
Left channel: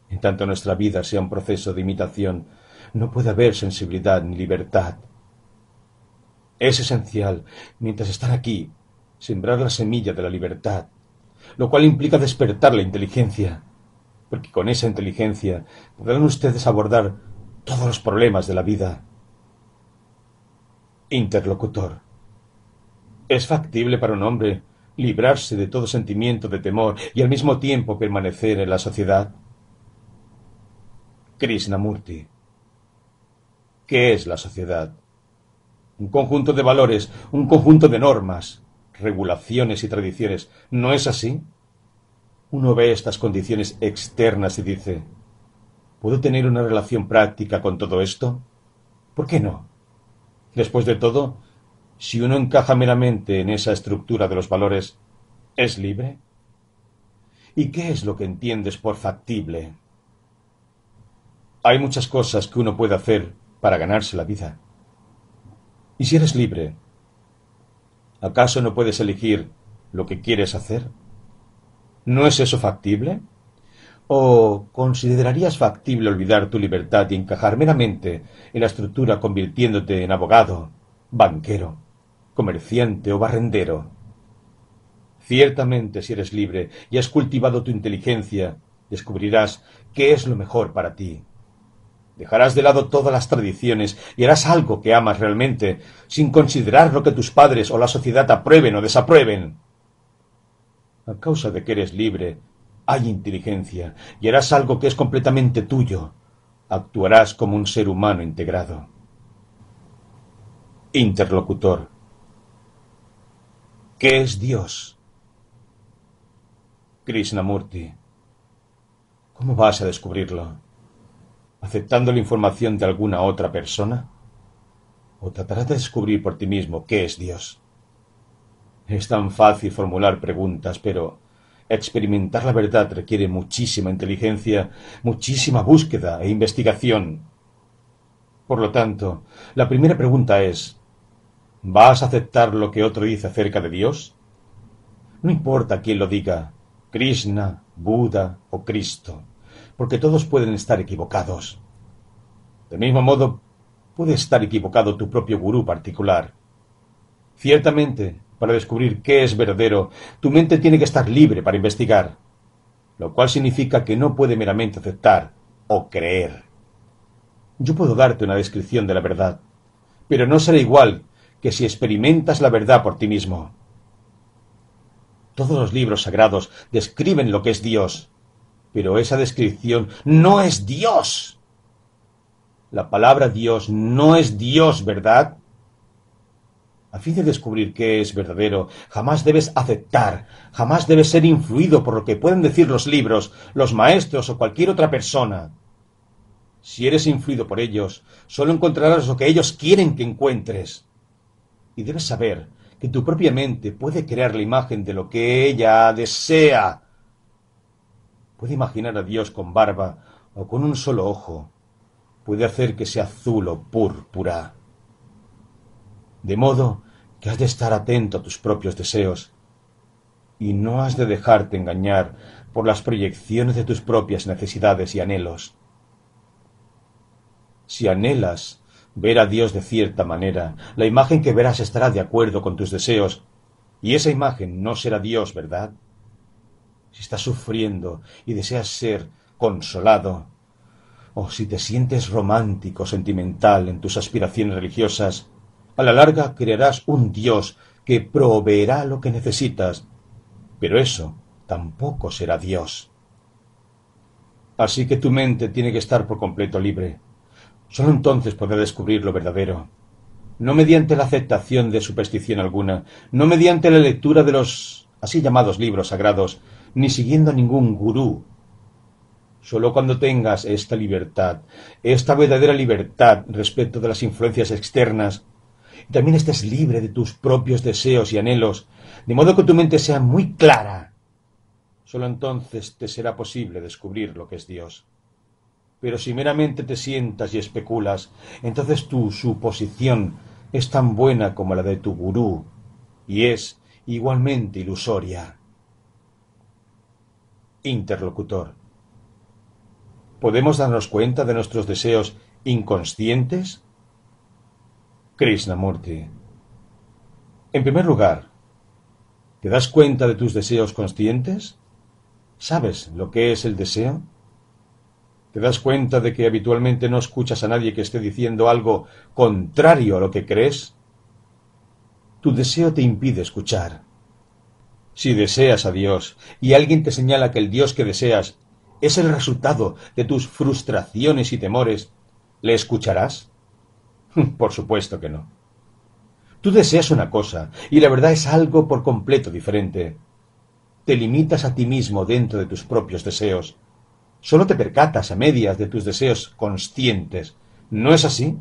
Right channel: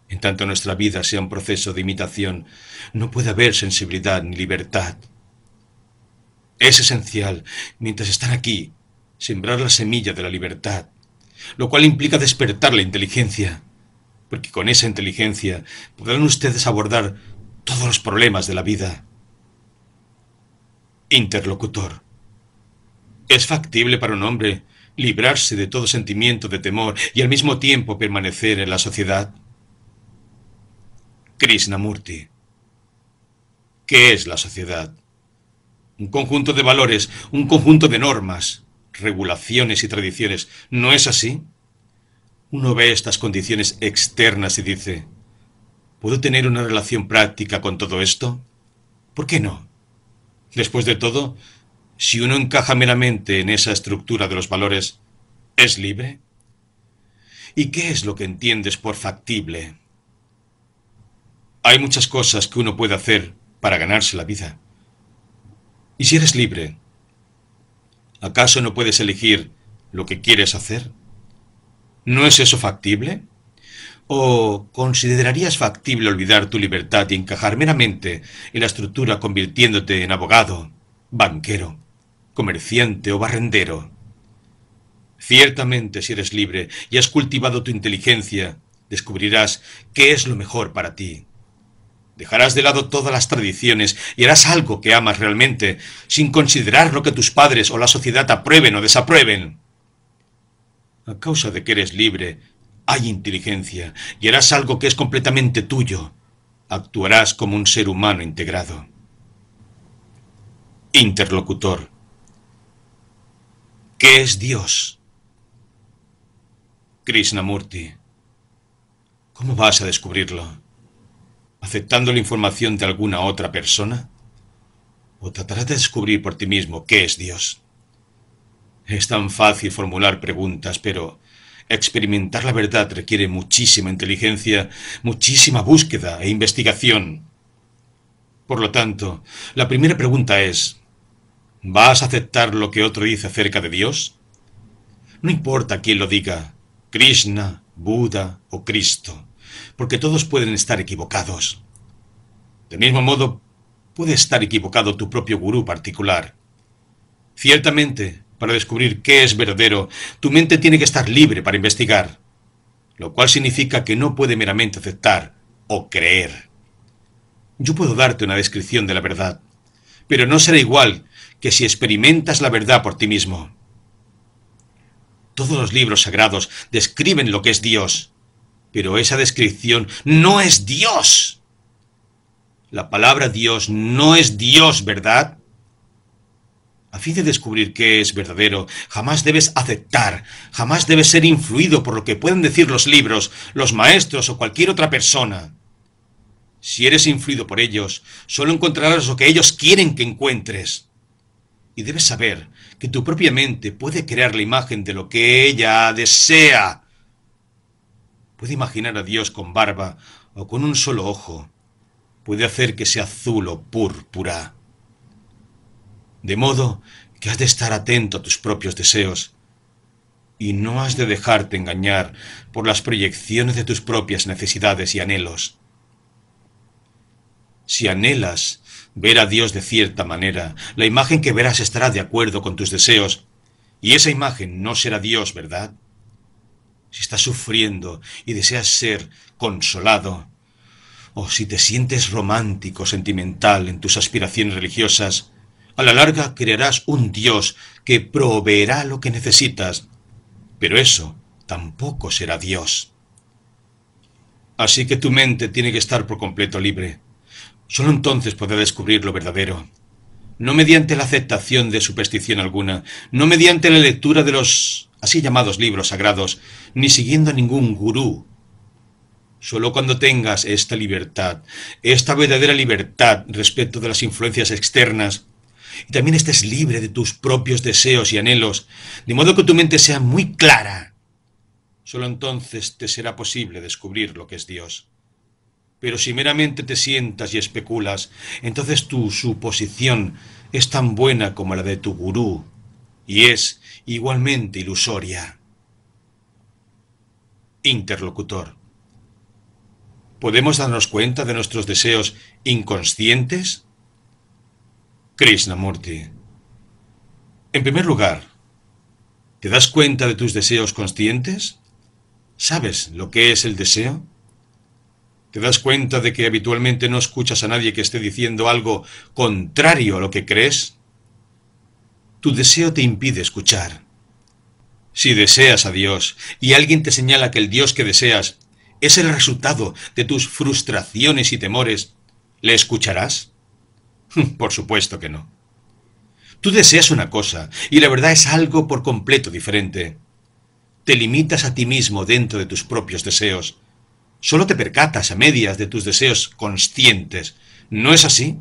En tanto nuestra vida sea un proceso de imitación, no puede haber sensibilidad ni libertad. Es esencial, mientras están aquí, sembrar la semilla de la libertad, lo cual implica despertar la inteligencia, porque con esa inteligencia podrán ustedes abordar todos los problemas de la vida. Interlocutor. ¿Es factible para un hombre librarse de todo sentimiento de temor y al mismo tiempo permanecer en la sociedad? Krishnamurti. ¿Qué es la sociedad? Un conjunto de valores, un conjunto de normas, regulaciones y tradiciones. ¿No es así? Uno ve estas condiciones externas y dice, ¿puedo tener una relación práctica con todo esto? ¿Por qué no? Después de todo, si uno encaja meramente en esa estructura de los valores, ¿es libre? ¿Y qué es lo que entiendes por factible? Hay muchas cosas que uno puede hacer para ganarse la vida. ¿Y si eres libre? ¿Acaso no puedes elegir lo que quieres hacer? ¿No es eso factible? ¿O considerarías factible olvidar tu libertad y encajar meramente en la estructura convirtiéndote en abogado, banquero, comerciante o barrendero? Ciertamente, si eres libre y has cultivado tu inteligencia, descubrirás qué es lo mejor para ti. Dejarás de lado todas las tradiciones y harás algo que amas realmente, sin considerar lo que tus padres o la sociedad aprueben o desaprueben. A causa de que eres libre, hay inteligencia y harás algo que es completamente tuyo. Actuarás como un ser humano integrado. Interlocutor. ¿Qué es Dios? Krishnamurti. ¿Cómo vas a descubrirlo? ¿Aceptando la información de alguna otra persona? ¿O tratarás de descubrir por ti mismo qué es Dios? Es tan fácil formular preguntas, pero experimentar la verdad requiere muchísima inteligencia, muchísima búsqueda e investigación. Por lo tanto, la primera pregunta es, ¿vas a aceptar lo que otro dice acerca de Dios? No importa quién lo diga, Krishna, Buda o Cristo, porque todos pueden estar equivocados. Del mismo modo, puede estar equivocado tu propio gurú particular. Ciertamente, para descubrir qué es verdadero, tu mente tiene que estar libre para investigar, lo cual significa que no puede meramente aceptar o creer. Yo puedo darte una descripción de la verdad, pero no será igual que si experimentas la verdad por ti mismo. Todos los libros sagrados describen lo que es Dios, pero esa descripción no es Dios. La palabra Dios no es Dios, ¿verdad? A fin de descubrir qué es verdadero, jamás debes aceptar, jamás debes ser influido por lo que pueden decir los libros, los maestros o cualquier otra persona. Si eres influido por ellos, solo encontrarás lo que ellos quieren que encuentres. Y debes saber que tu propia mente puede crear la imagen de lo que ella desea. Puede imaginar a Dios con barba o con un solo ojo. Puede hacer que sea azul o púrpura. De modo que has de estar atento a tus propios deseos y no has de dejarte engañar por las proyecciones de tus propias necesidades y anhelos. Si anhelas ver a Dios de cierta manera, la imagen que verás estará de acuerdo con tus deseos, y esa imagen no será Dios, ¿verdad? Si estás sufriendo y deseas ser consolado, o si te sientes romántico, sentimental en tus aspiraciones religiosas, a la larga crearás un Dios que proveerá lo que necesitas, pero eso tampoco será Dios. Así que tu mente tiene que estar por completo libre. Solo entonces podrá descubrir lo verdadero. No mediante la aceptación de superstición alguna, no mediante la lectura de los así llamados libros sagrados, ni siguiendo a ningún gurú. Solo cuando tengas esta libertad, esta verdadera libertad respecto de las influencias externas, y también estés libre de tus propios deseos y anhelos, de modo que tu mente sea muy clara, solo entonces te será posible descubrir lo que es Dios. Pero si meramente te sientas y especulas, entonces tu suposición es tan buena como la de tu gurú, y es igualmente ilusoria. Interlocutor. ¿Podemos darnos cuenta de nuestros deseos inconscientes? Krishnamurti. En primer lugar, ¿te das cuenta de tus deseos conscientes? ¿Sabes lo que es el deseo? ¿Te das cuenta de que habitualmente no escuchas a nadie que esté diciendo algo contrario a lo que crees? Tu deseo te impide escuchar. Si deseas a Dios y alguien te señala que el Dios que deseas es el resultado de tus frustraciones y temores, ¿le escucharás? Por supuesto que no. Tú deseas una cosa y la verdad es algo por completo diferente. Te limitas a ti mismo dentro de tus propios deseos. Solo te percatas a medias de tus deseos conscientes. ¿No es así?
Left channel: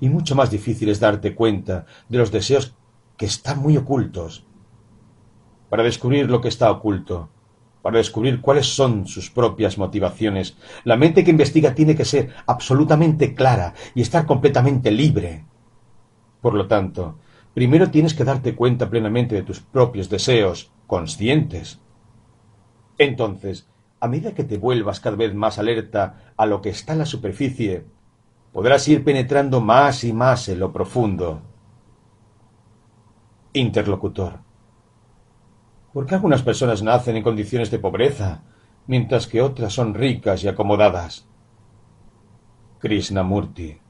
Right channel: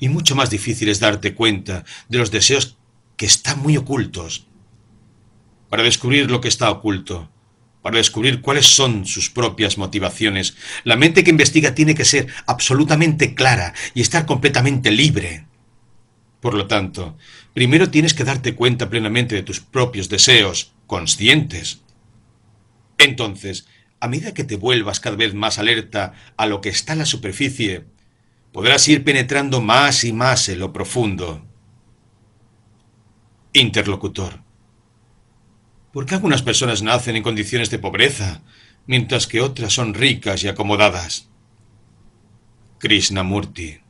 Y mucho más difícil es darte cuenta de los deseos que están muy ocultos. Para descubrir lo que está oculto, para descubrir cuáles son sus propias motivaciones, la mente que investiga tiene que ser absolutamente clara y estar completamente libre. Por lo tanto, primero tienes que darte cuenta plenamente de tus propios deseos conscientes. Entonces, a medida que te vuelvas cada vez más alerta a lo que está en la superficie, podrás ir penetrando más y más en lo profundo. Interlocutor. ¿Por qué algunas personas nacen en condiciones de pobreza, mientras que otras son ricas y acomodadas? Krishnamurti.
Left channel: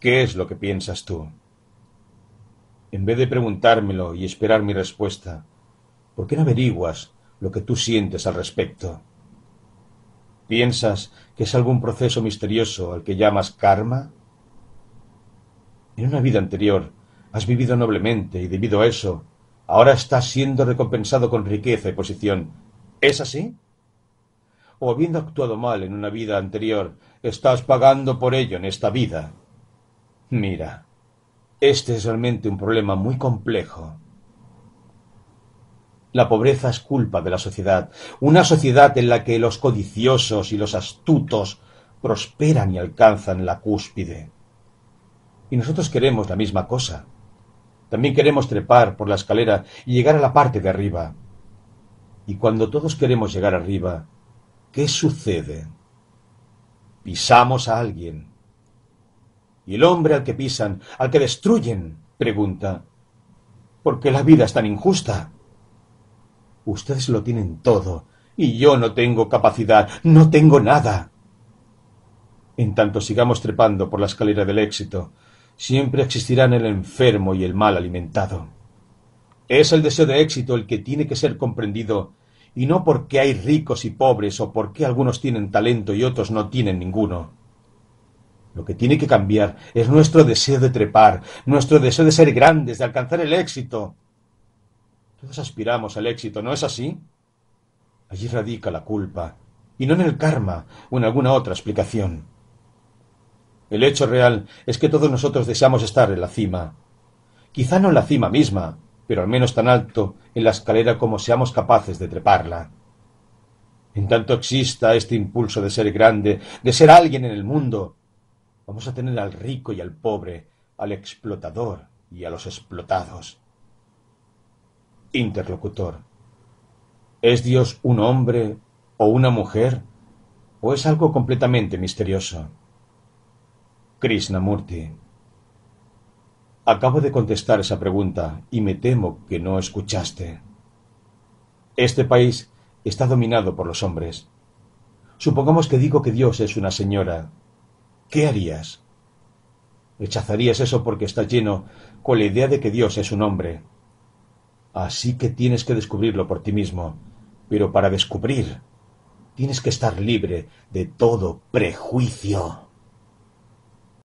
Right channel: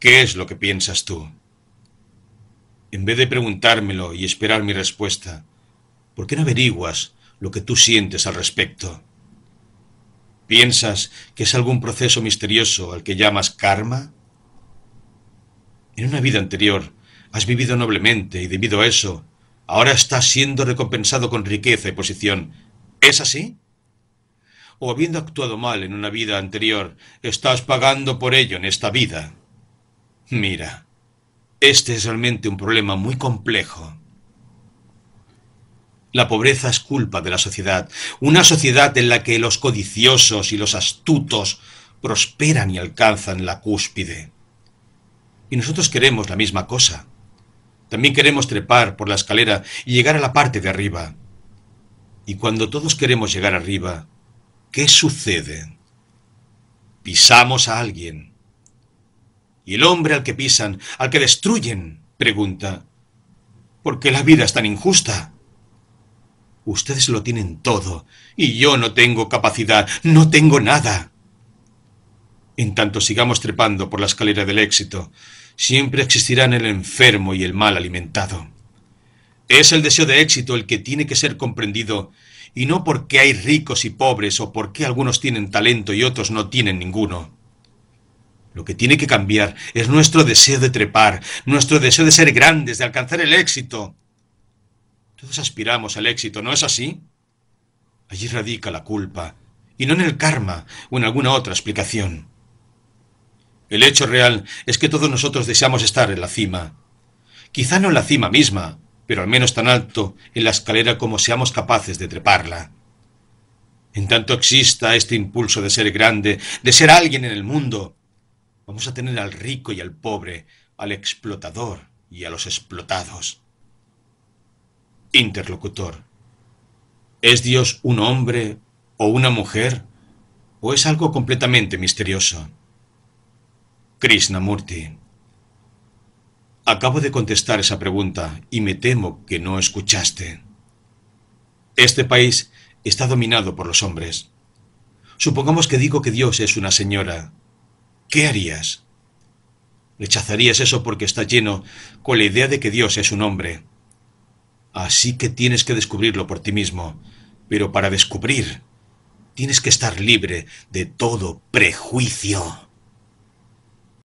¿Qué es lo que piensas tú? En vez de preguntármelo y esperar mi respuesta, ¿por qué no averiguas lo que tú sientes al respecto? ¿Piensas que es algún proceso misterioso al que llamas karma? En una vida anterior has vivido noblemente y debido a eso, ahora estás siendo recompensado con riqueza y posición. ¿Es así? O habiendo actuado mal en una vida anterior, estás pagando por ello en esta vida. Mira, este es realmente un problema muy complejo. La pobreza es culpa de la sociedad, una sociedad en la que los codiciosos y los astutos prosperan y alcanzan la cúspide. Y nosotros queremos la misma cosa. También queremos trepar por la escalera y llegar a la parte de arriba. Y cuando todos queremos llegar arriba, ¿qué sucede? Pisamos a alguien. Y el hombre al que pisan, al que destruyen, pregunta, ¿por qué la vida es tan injusta? Ustedes lo tienen todo, y yo no tengo capacidad, no tengo nada. En tanto sigamos trepando por la escalera del éxito, siempre existirán el enfermo y el mal alimentado. Es el deseo de éxito el que tiene que ser comprendido, y no porque hay ricos y pobres o porque algunos tienen talento y otros no tienen ninguno. Lo que tiene que cambiar es nuestro deseo de trepar, nuestro deseo de ser grandes, de alcanzar el éxito. Todos aspiramos al éxito, ¿no es así? Allí radica la culpa, y no en el karma o en alguna otra explicación. El hecho real es que todos nosotros deseamos estar en la cima. Quizá no en la cima misma, pero al menos tan alto en la escalera como seamos capaces de treparla. En tanto exista este impulso de ser grande, de ser alguien en el mundo, vamos a tener al rico y al pobre, al explotador y a los explotados. Interlocutor. ¿Es Dios un hombre o una mujer? ¿O es algo completamente misterioso? Krishnamurti. Acabo de contestar esa pregunta y me temo que no escuchaste. Este país está dominado por los hombres. Supongamos que digo que Dios es una señora. ¿Qué harías? Rechazarías eso porque está lleno con la idea de que Dios es un hombre. Así que tienes que descubrirlo por ti mismo. Pero para descubrir, tienes que estar libre de todo prejuicio.